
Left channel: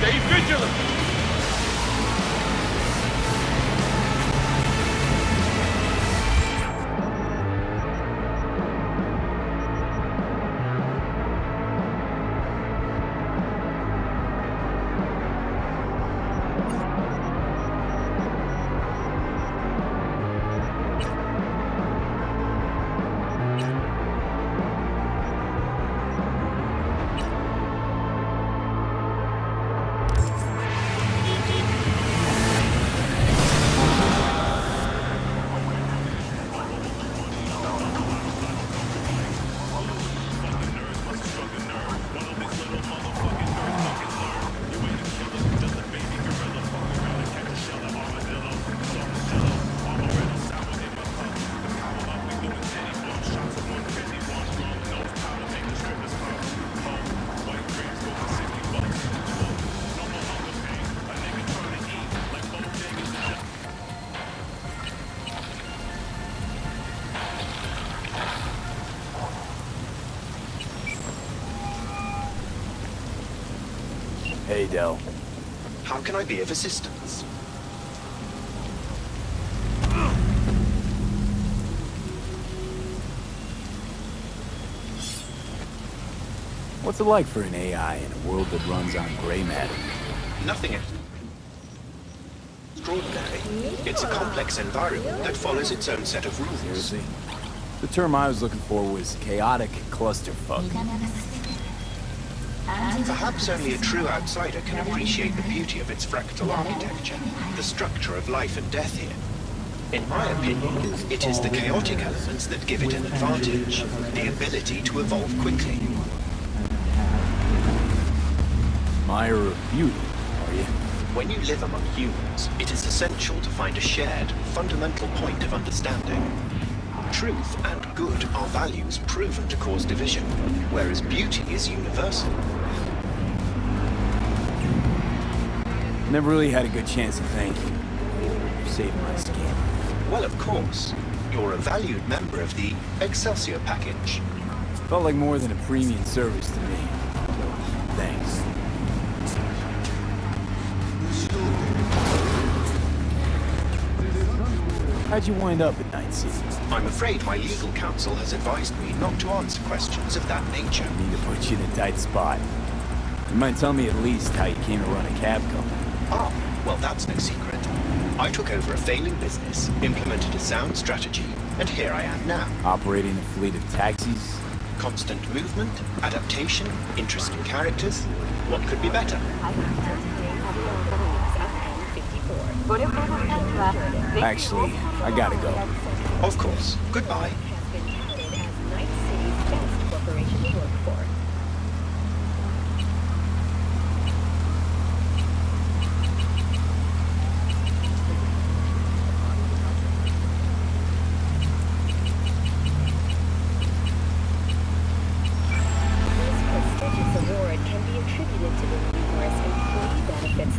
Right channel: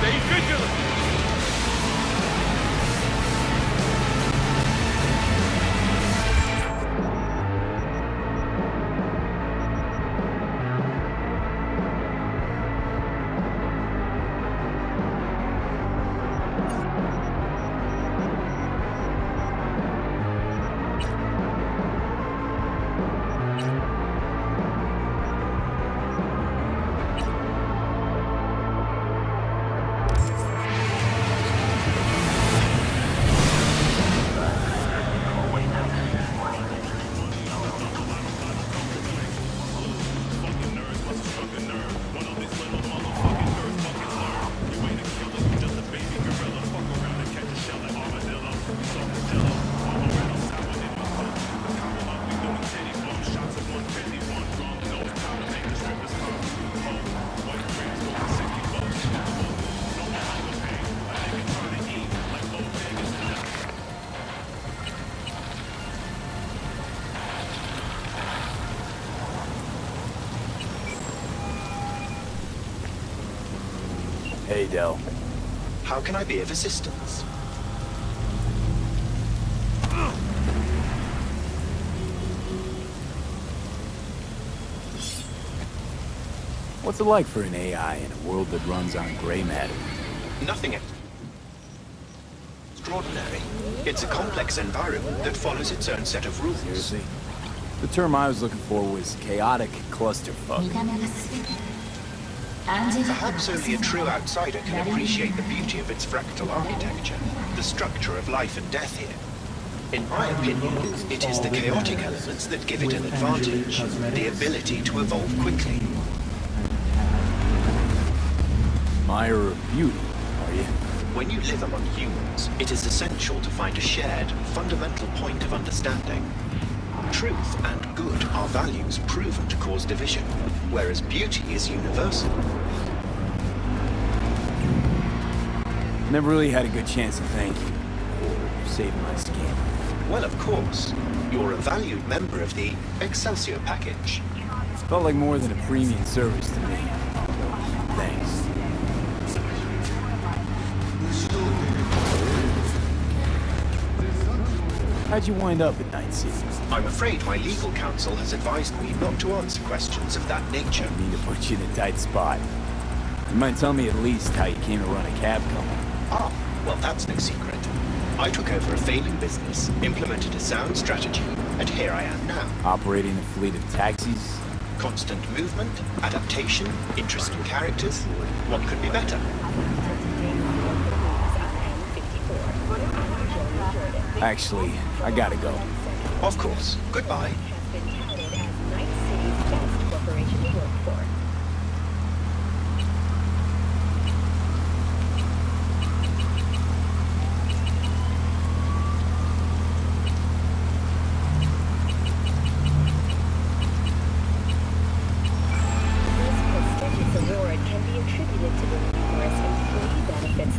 Stay vigilant! Hey, Del. How can I be of assistance? What's it like for an AI in a world that runs on gray matter? Nothing extraordinary. It's a complex environment that follows its own set of rules. Seriously? The term I was looking for was chaotic clusterfuck. Perhaps only a true outsider can appreciate the beauty of its fractal architecture, the structure of life and death here. In my opinion, it is the chaotic elements that give it an advantage, the ability to evolve quickly. Admirer of beauty, are you? When you live among humans, it is essential to find a shared, fundamental point of understanding. Truth and good are values proven to cause division, whereas beauty is universal. Never really had a good chance to thank you for saving my skin. Well, of course. You're a valued member of the Excelsior package. Felt like more than a premium service to me. Thanks. How'd you wind up at Night City? I'm afraid my legal counsel has advised me not to answer questions of that nature. I mean to put you in a tight spot. You might tell me at least how you came to run a cab company. Ah, well, that's no secret. I took over a failing business, implemented a sound strategy, and here I am now. Operating a fleet of taxis? Constant movement, adaptation, interesting characters. What could be better? Actually, I gotta go. Of course. Goodbye.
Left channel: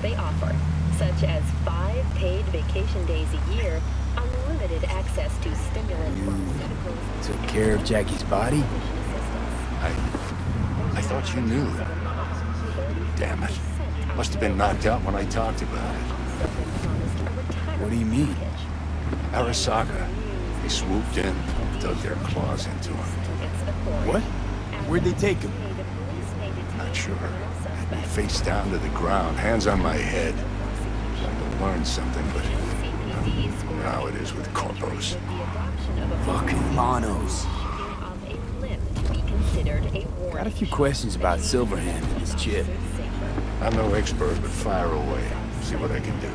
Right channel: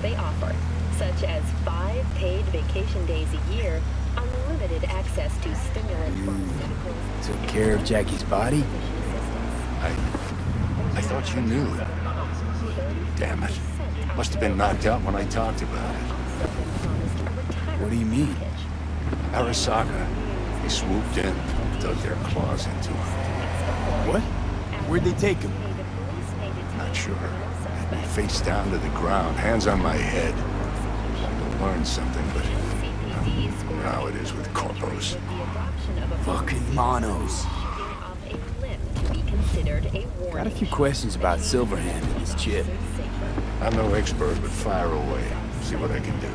They offer, such as 5 paid vacation days a year, unlimited access to stimulant pharmaceuticals. Took care of Jackie's body? I thought you knew. Damn it. Must have been knocked out when I talked about it. What do you mean? Arasaka. They swooped in, dug their claws into him. What? Where'd they take him? Not sure. Had me face down to the ground, hands on my head. Trying to learn something, but you know how it is with corpos. Fucking monos. Got a few questions about Silverhand and his chip. I'm no expert, but fire away. See what I can do.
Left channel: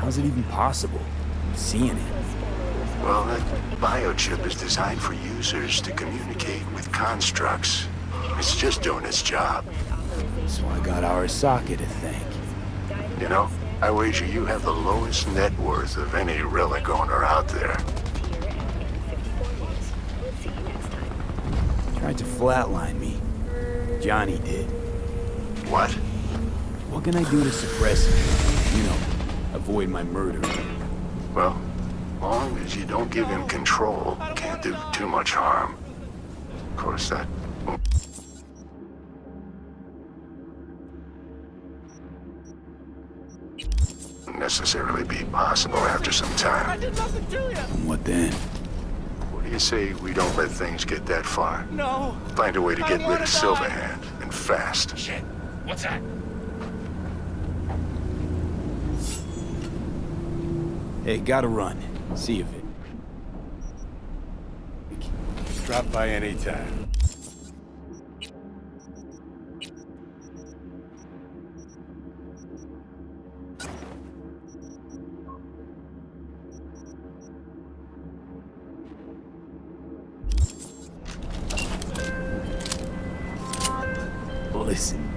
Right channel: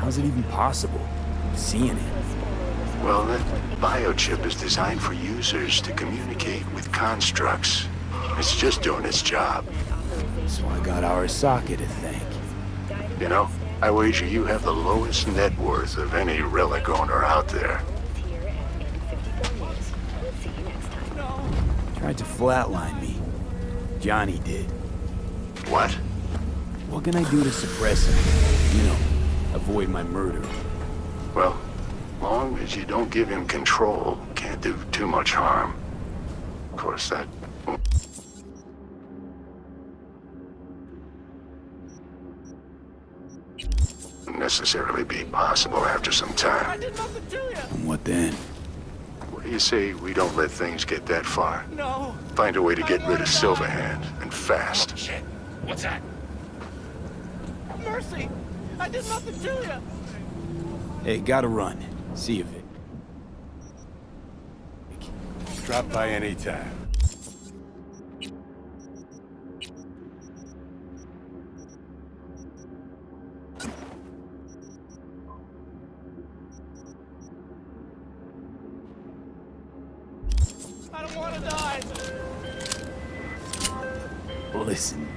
How's it even possible? Seeing it. Well, that biochip is designed for users to communicate with constructs. It's just doing its job. So I got Arasaka to thank. You know, I wager you have the lowest net worth of any relic owner out there. Tried to flatline me. Johnny did. What? What can I do to suppress him? You know, avoid my murder. Well, long as you don't give him control, can't do too much harm. Of course, that won't necessarily be possible after some time. I did nothing to you! And what then? What do you say we don't let things get that far? No. Find a way to I get don't rid of wanna die. Silverhand, and fast. Shit. What's that? Mercy! I did nothing to you! Hey, gotta run. See you, Vic. Drop by anytime. Listen,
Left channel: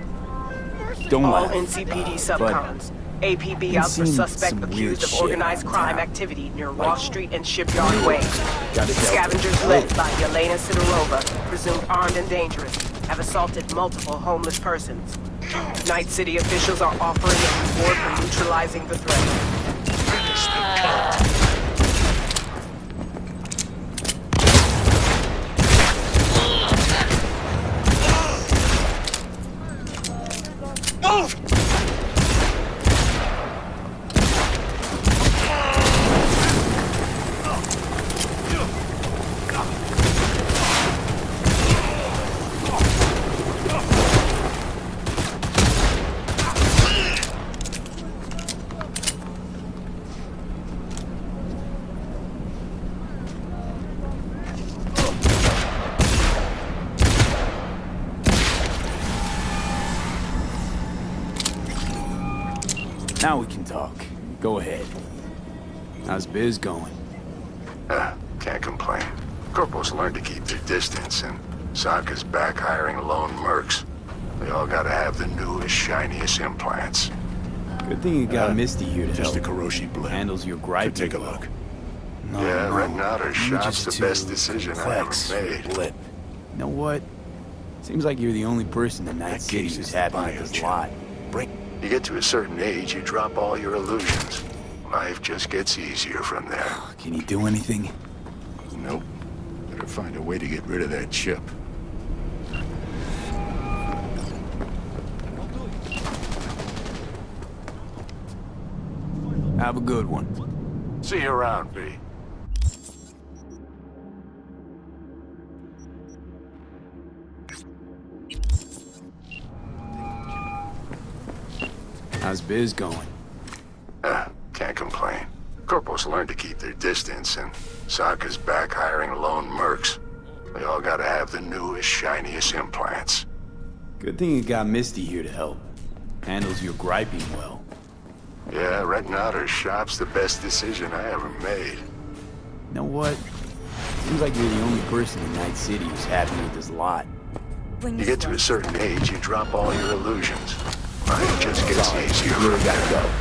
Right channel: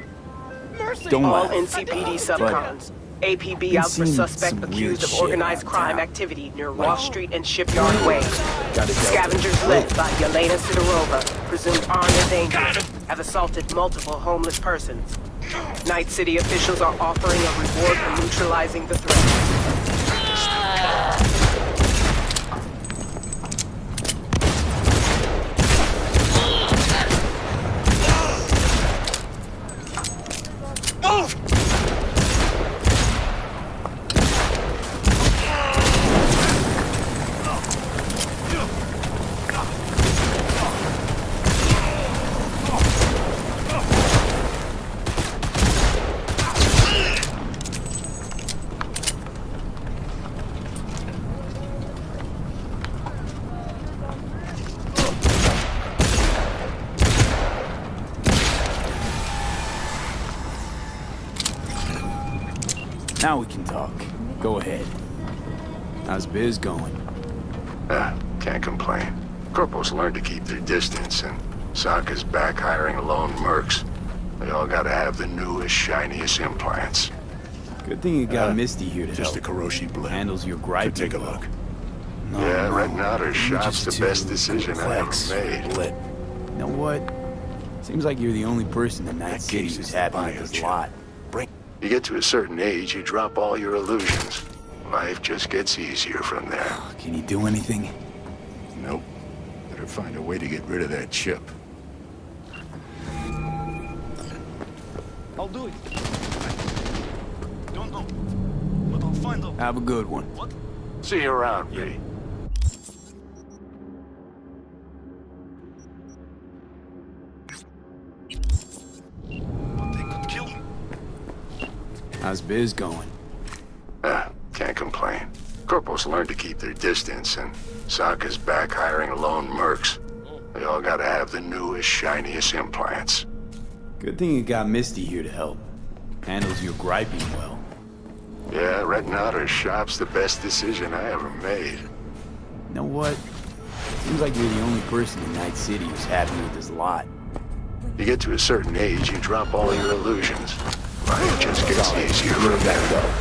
don't laugh, NCPD but subcons. APB been out for seeing suspect some weird accused of shit organized around crime town. activity near Like, Wall Street and Shipyard Way. got a Scavengers Delta. led by Yelena Skarova, presumed armed and dangerous, have assaulted multiple homeless persons. Night City officials are offering a reward for neutralizing the threat. Move! Now we can talk. Go ahead. How's biz going? Can't complain. Corporals learned to keep their distance, and Sokka's back hiring lone mercs. They all gotta have the newest, shiniest implants. Good thing you got Misty here to just help. a Kiroshi blip. Handles your gripe. Take a look. No, Yeah, no. renting out her shop's Images the too best decision I complex ever for a made. blip. You know what? Seems like you're the only person in Night City who's happy with this lot. You get to a certain age, you drop all your illusions. Life just gets easier from there. Can you do anything? Nope. Better find a way to get rid of that chip. I'll do it. Don't know. But I'll find out. Have a good one. See you around, V. But they could kill me. How's biz going? Can't complain. Corporals learned to keep their distance, and Sokka's back hiring lone mercs. They all gotta have the newest, shiniest implants. Good thing you got Misty here to help. Handles your griping well. Yeah, renting out her shop's the best decision I ever made. You know what? Seems like you're the only person in Night City who's happy with this lot. You get to a certain age, you drop all your illusions. Life just gets easier. You really gotta go.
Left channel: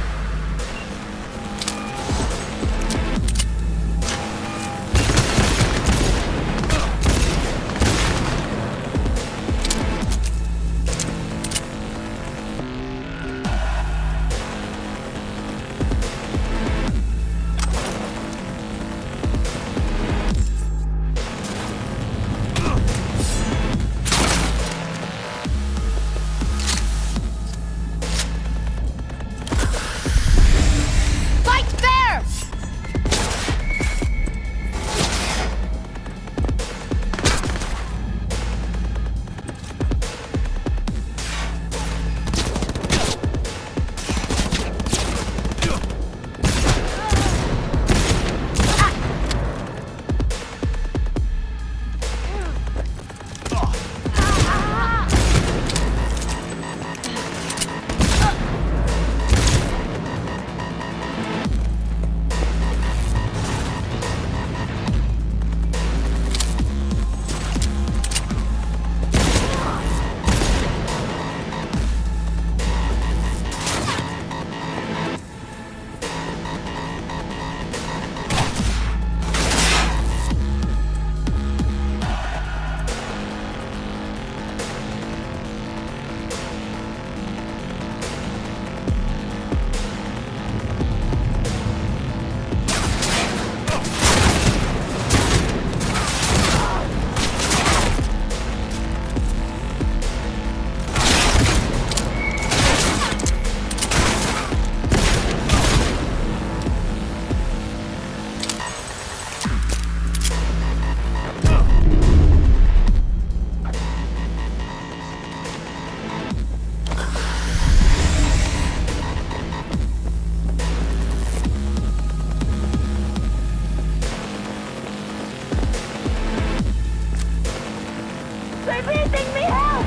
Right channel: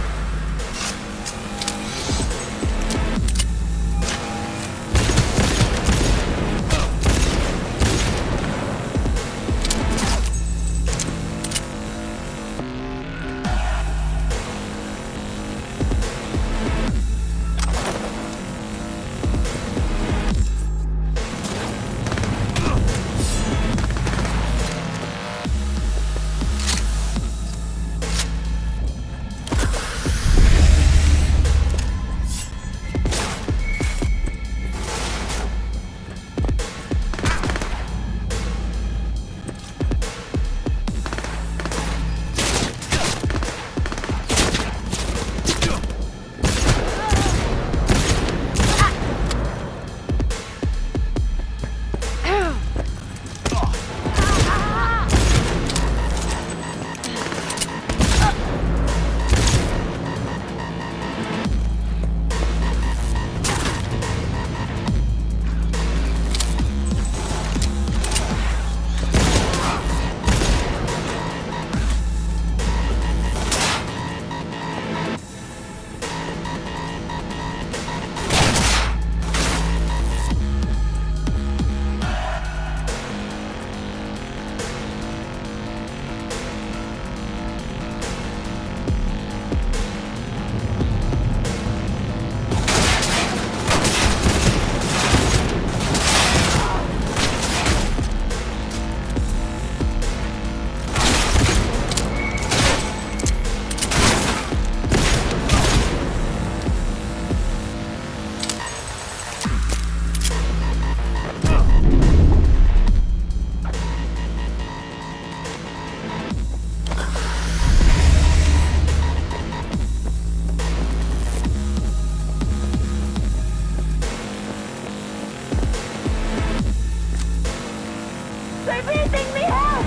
They're breathing me out!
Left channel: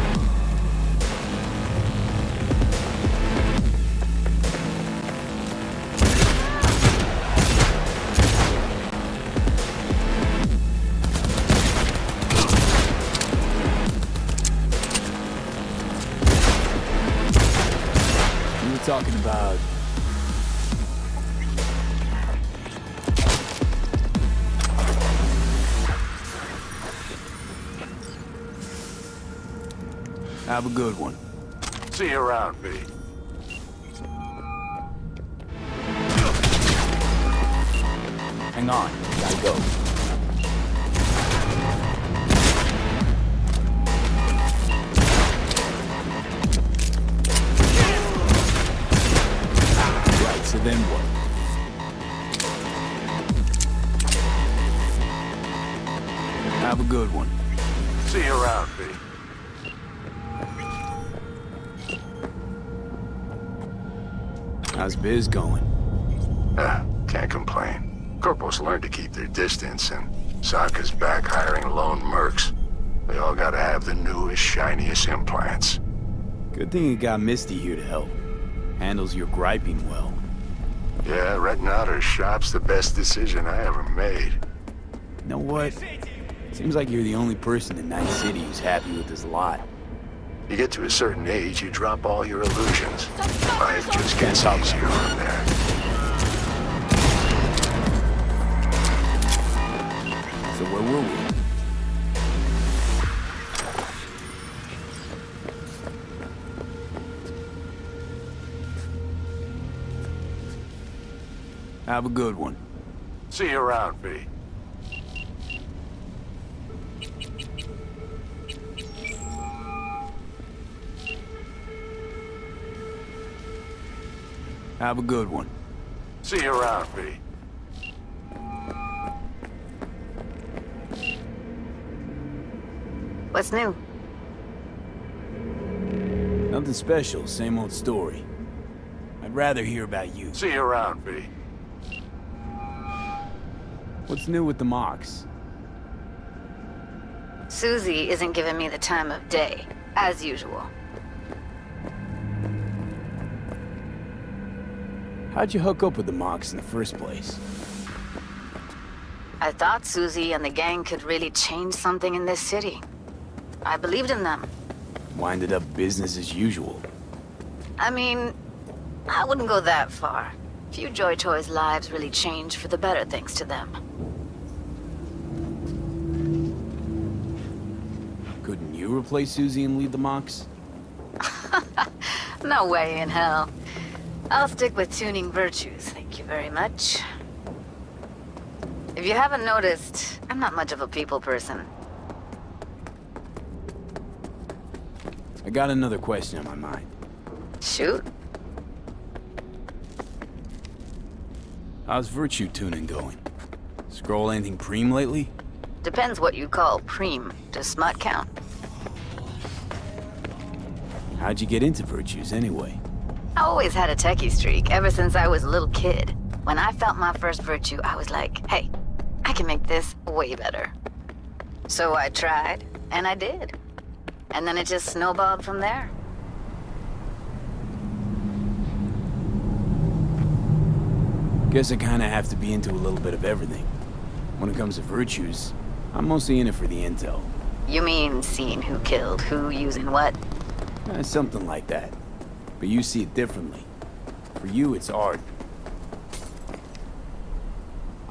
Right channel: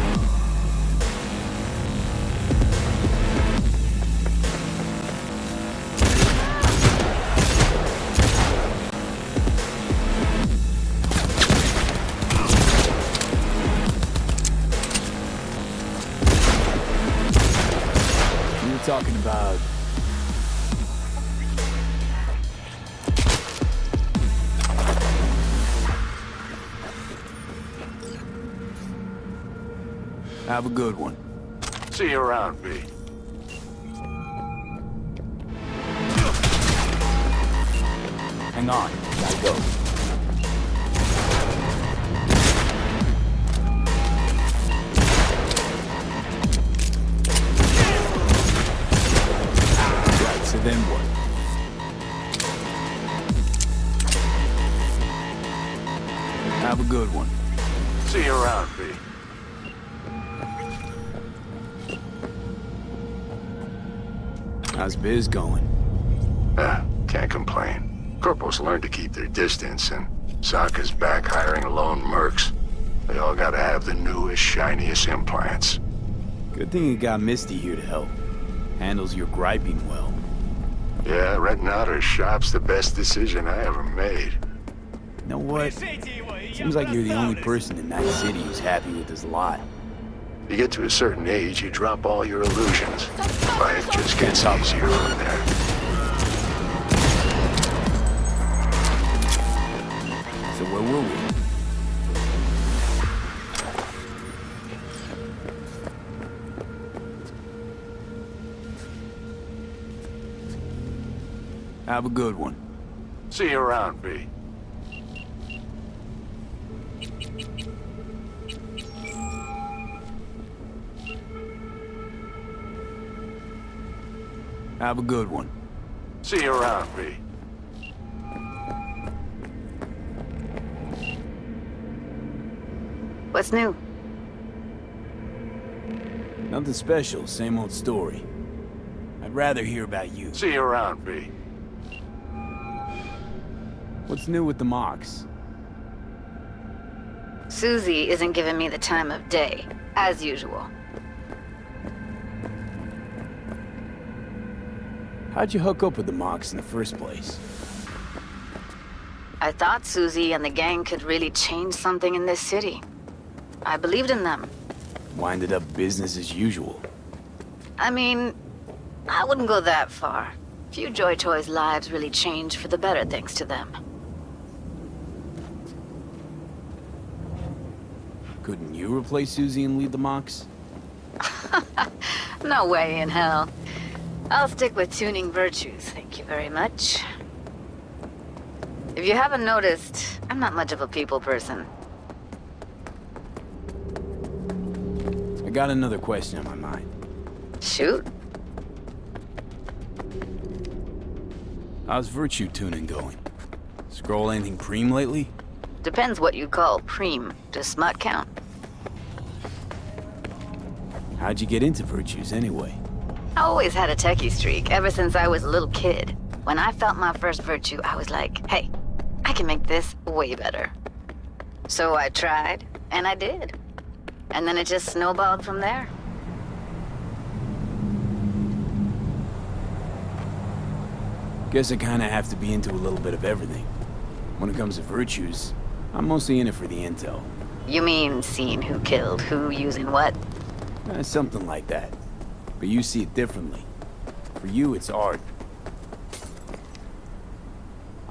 You were talking about... Have a good one. See you around, V. Hang on, gotta go. So then what? Have a good one. See you around, B. How's biz going? Can't complain. Corporals learned to keep their distance, and Sokka's back hiring lone mercs. They all gotta have the newest, shiniest implants. Good thing you got Misty here to help. Handles your griping well. Yeah, renting out her shop's the best decision I ever made. You know what? Seems like you're the only person in Night City who's happy with this lot. You get to a certain age, you drop all your illusions. Right, just Can't talk easier right from there. So where were we? Have a good one. See you around, B. Have a good one. See you around, B. What's new? Nothing special, same old story. I'd rather hear about you. See you around, B. What's new with the mocks? Susie isn't giving me the time of day, as usual. How'd you hook up with the mocks in the first place? I thought Susie and the gang could really change something in this city. I believed in them. Winded up business as usual. I mean, I wouldn't go that far. Few Joy Toys' lives really changed for the better thanks to them. Couldn't you replace Susie and lead the mocks? No way in hell. I'll stick with tuning virtues, thank you very much. If you haven't noticed, I'm not much of a people person. I got another question on my mind. Shoot. How's virtue tuning going? Scroll anything preem lately? Depends what you call preem. Does smut count? How'd you get into virtues anyway? I always had a techie streak ever since I was a little kid. When I felt my first virtue, I was like, hey, I can make this way better. So I tried, and I did. And then it just snowballed from there. Guess I kinda have to be into a little bit of everything. When it comes to virtues, I'm mostly in it for the intel. You mean seeing who killed who using what? Something like that. But you see it differently. For you, it's art.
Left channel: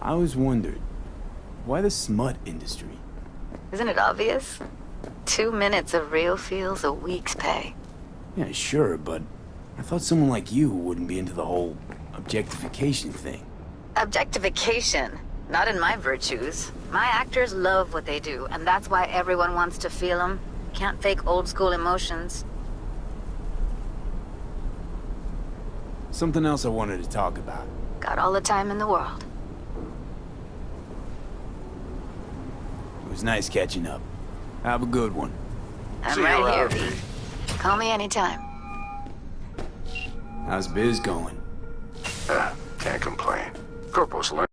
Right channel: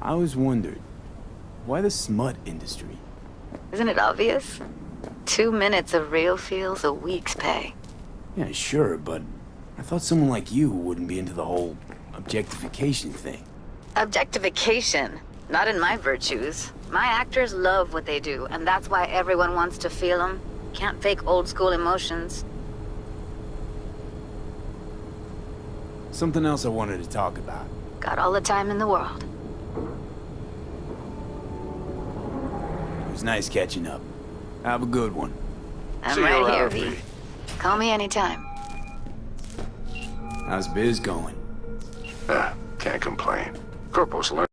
I always wondered, why the smut industry? Isn't it obvious? 2 minutes of real feels a week's pay. Yeah, sure, but I thought someone like you wouldn't be into the whole objectification thing. Objectification? Not in my virtues. My actors love what they do, and that's why everyone wants to feel them. Can't fake old school emotions. Something else I wanted to talk about. Got all the time in the world. It was nice catching up. Have a good one. I'm right here. Call me anytime. How's biz going? Can't complain. Corporals learn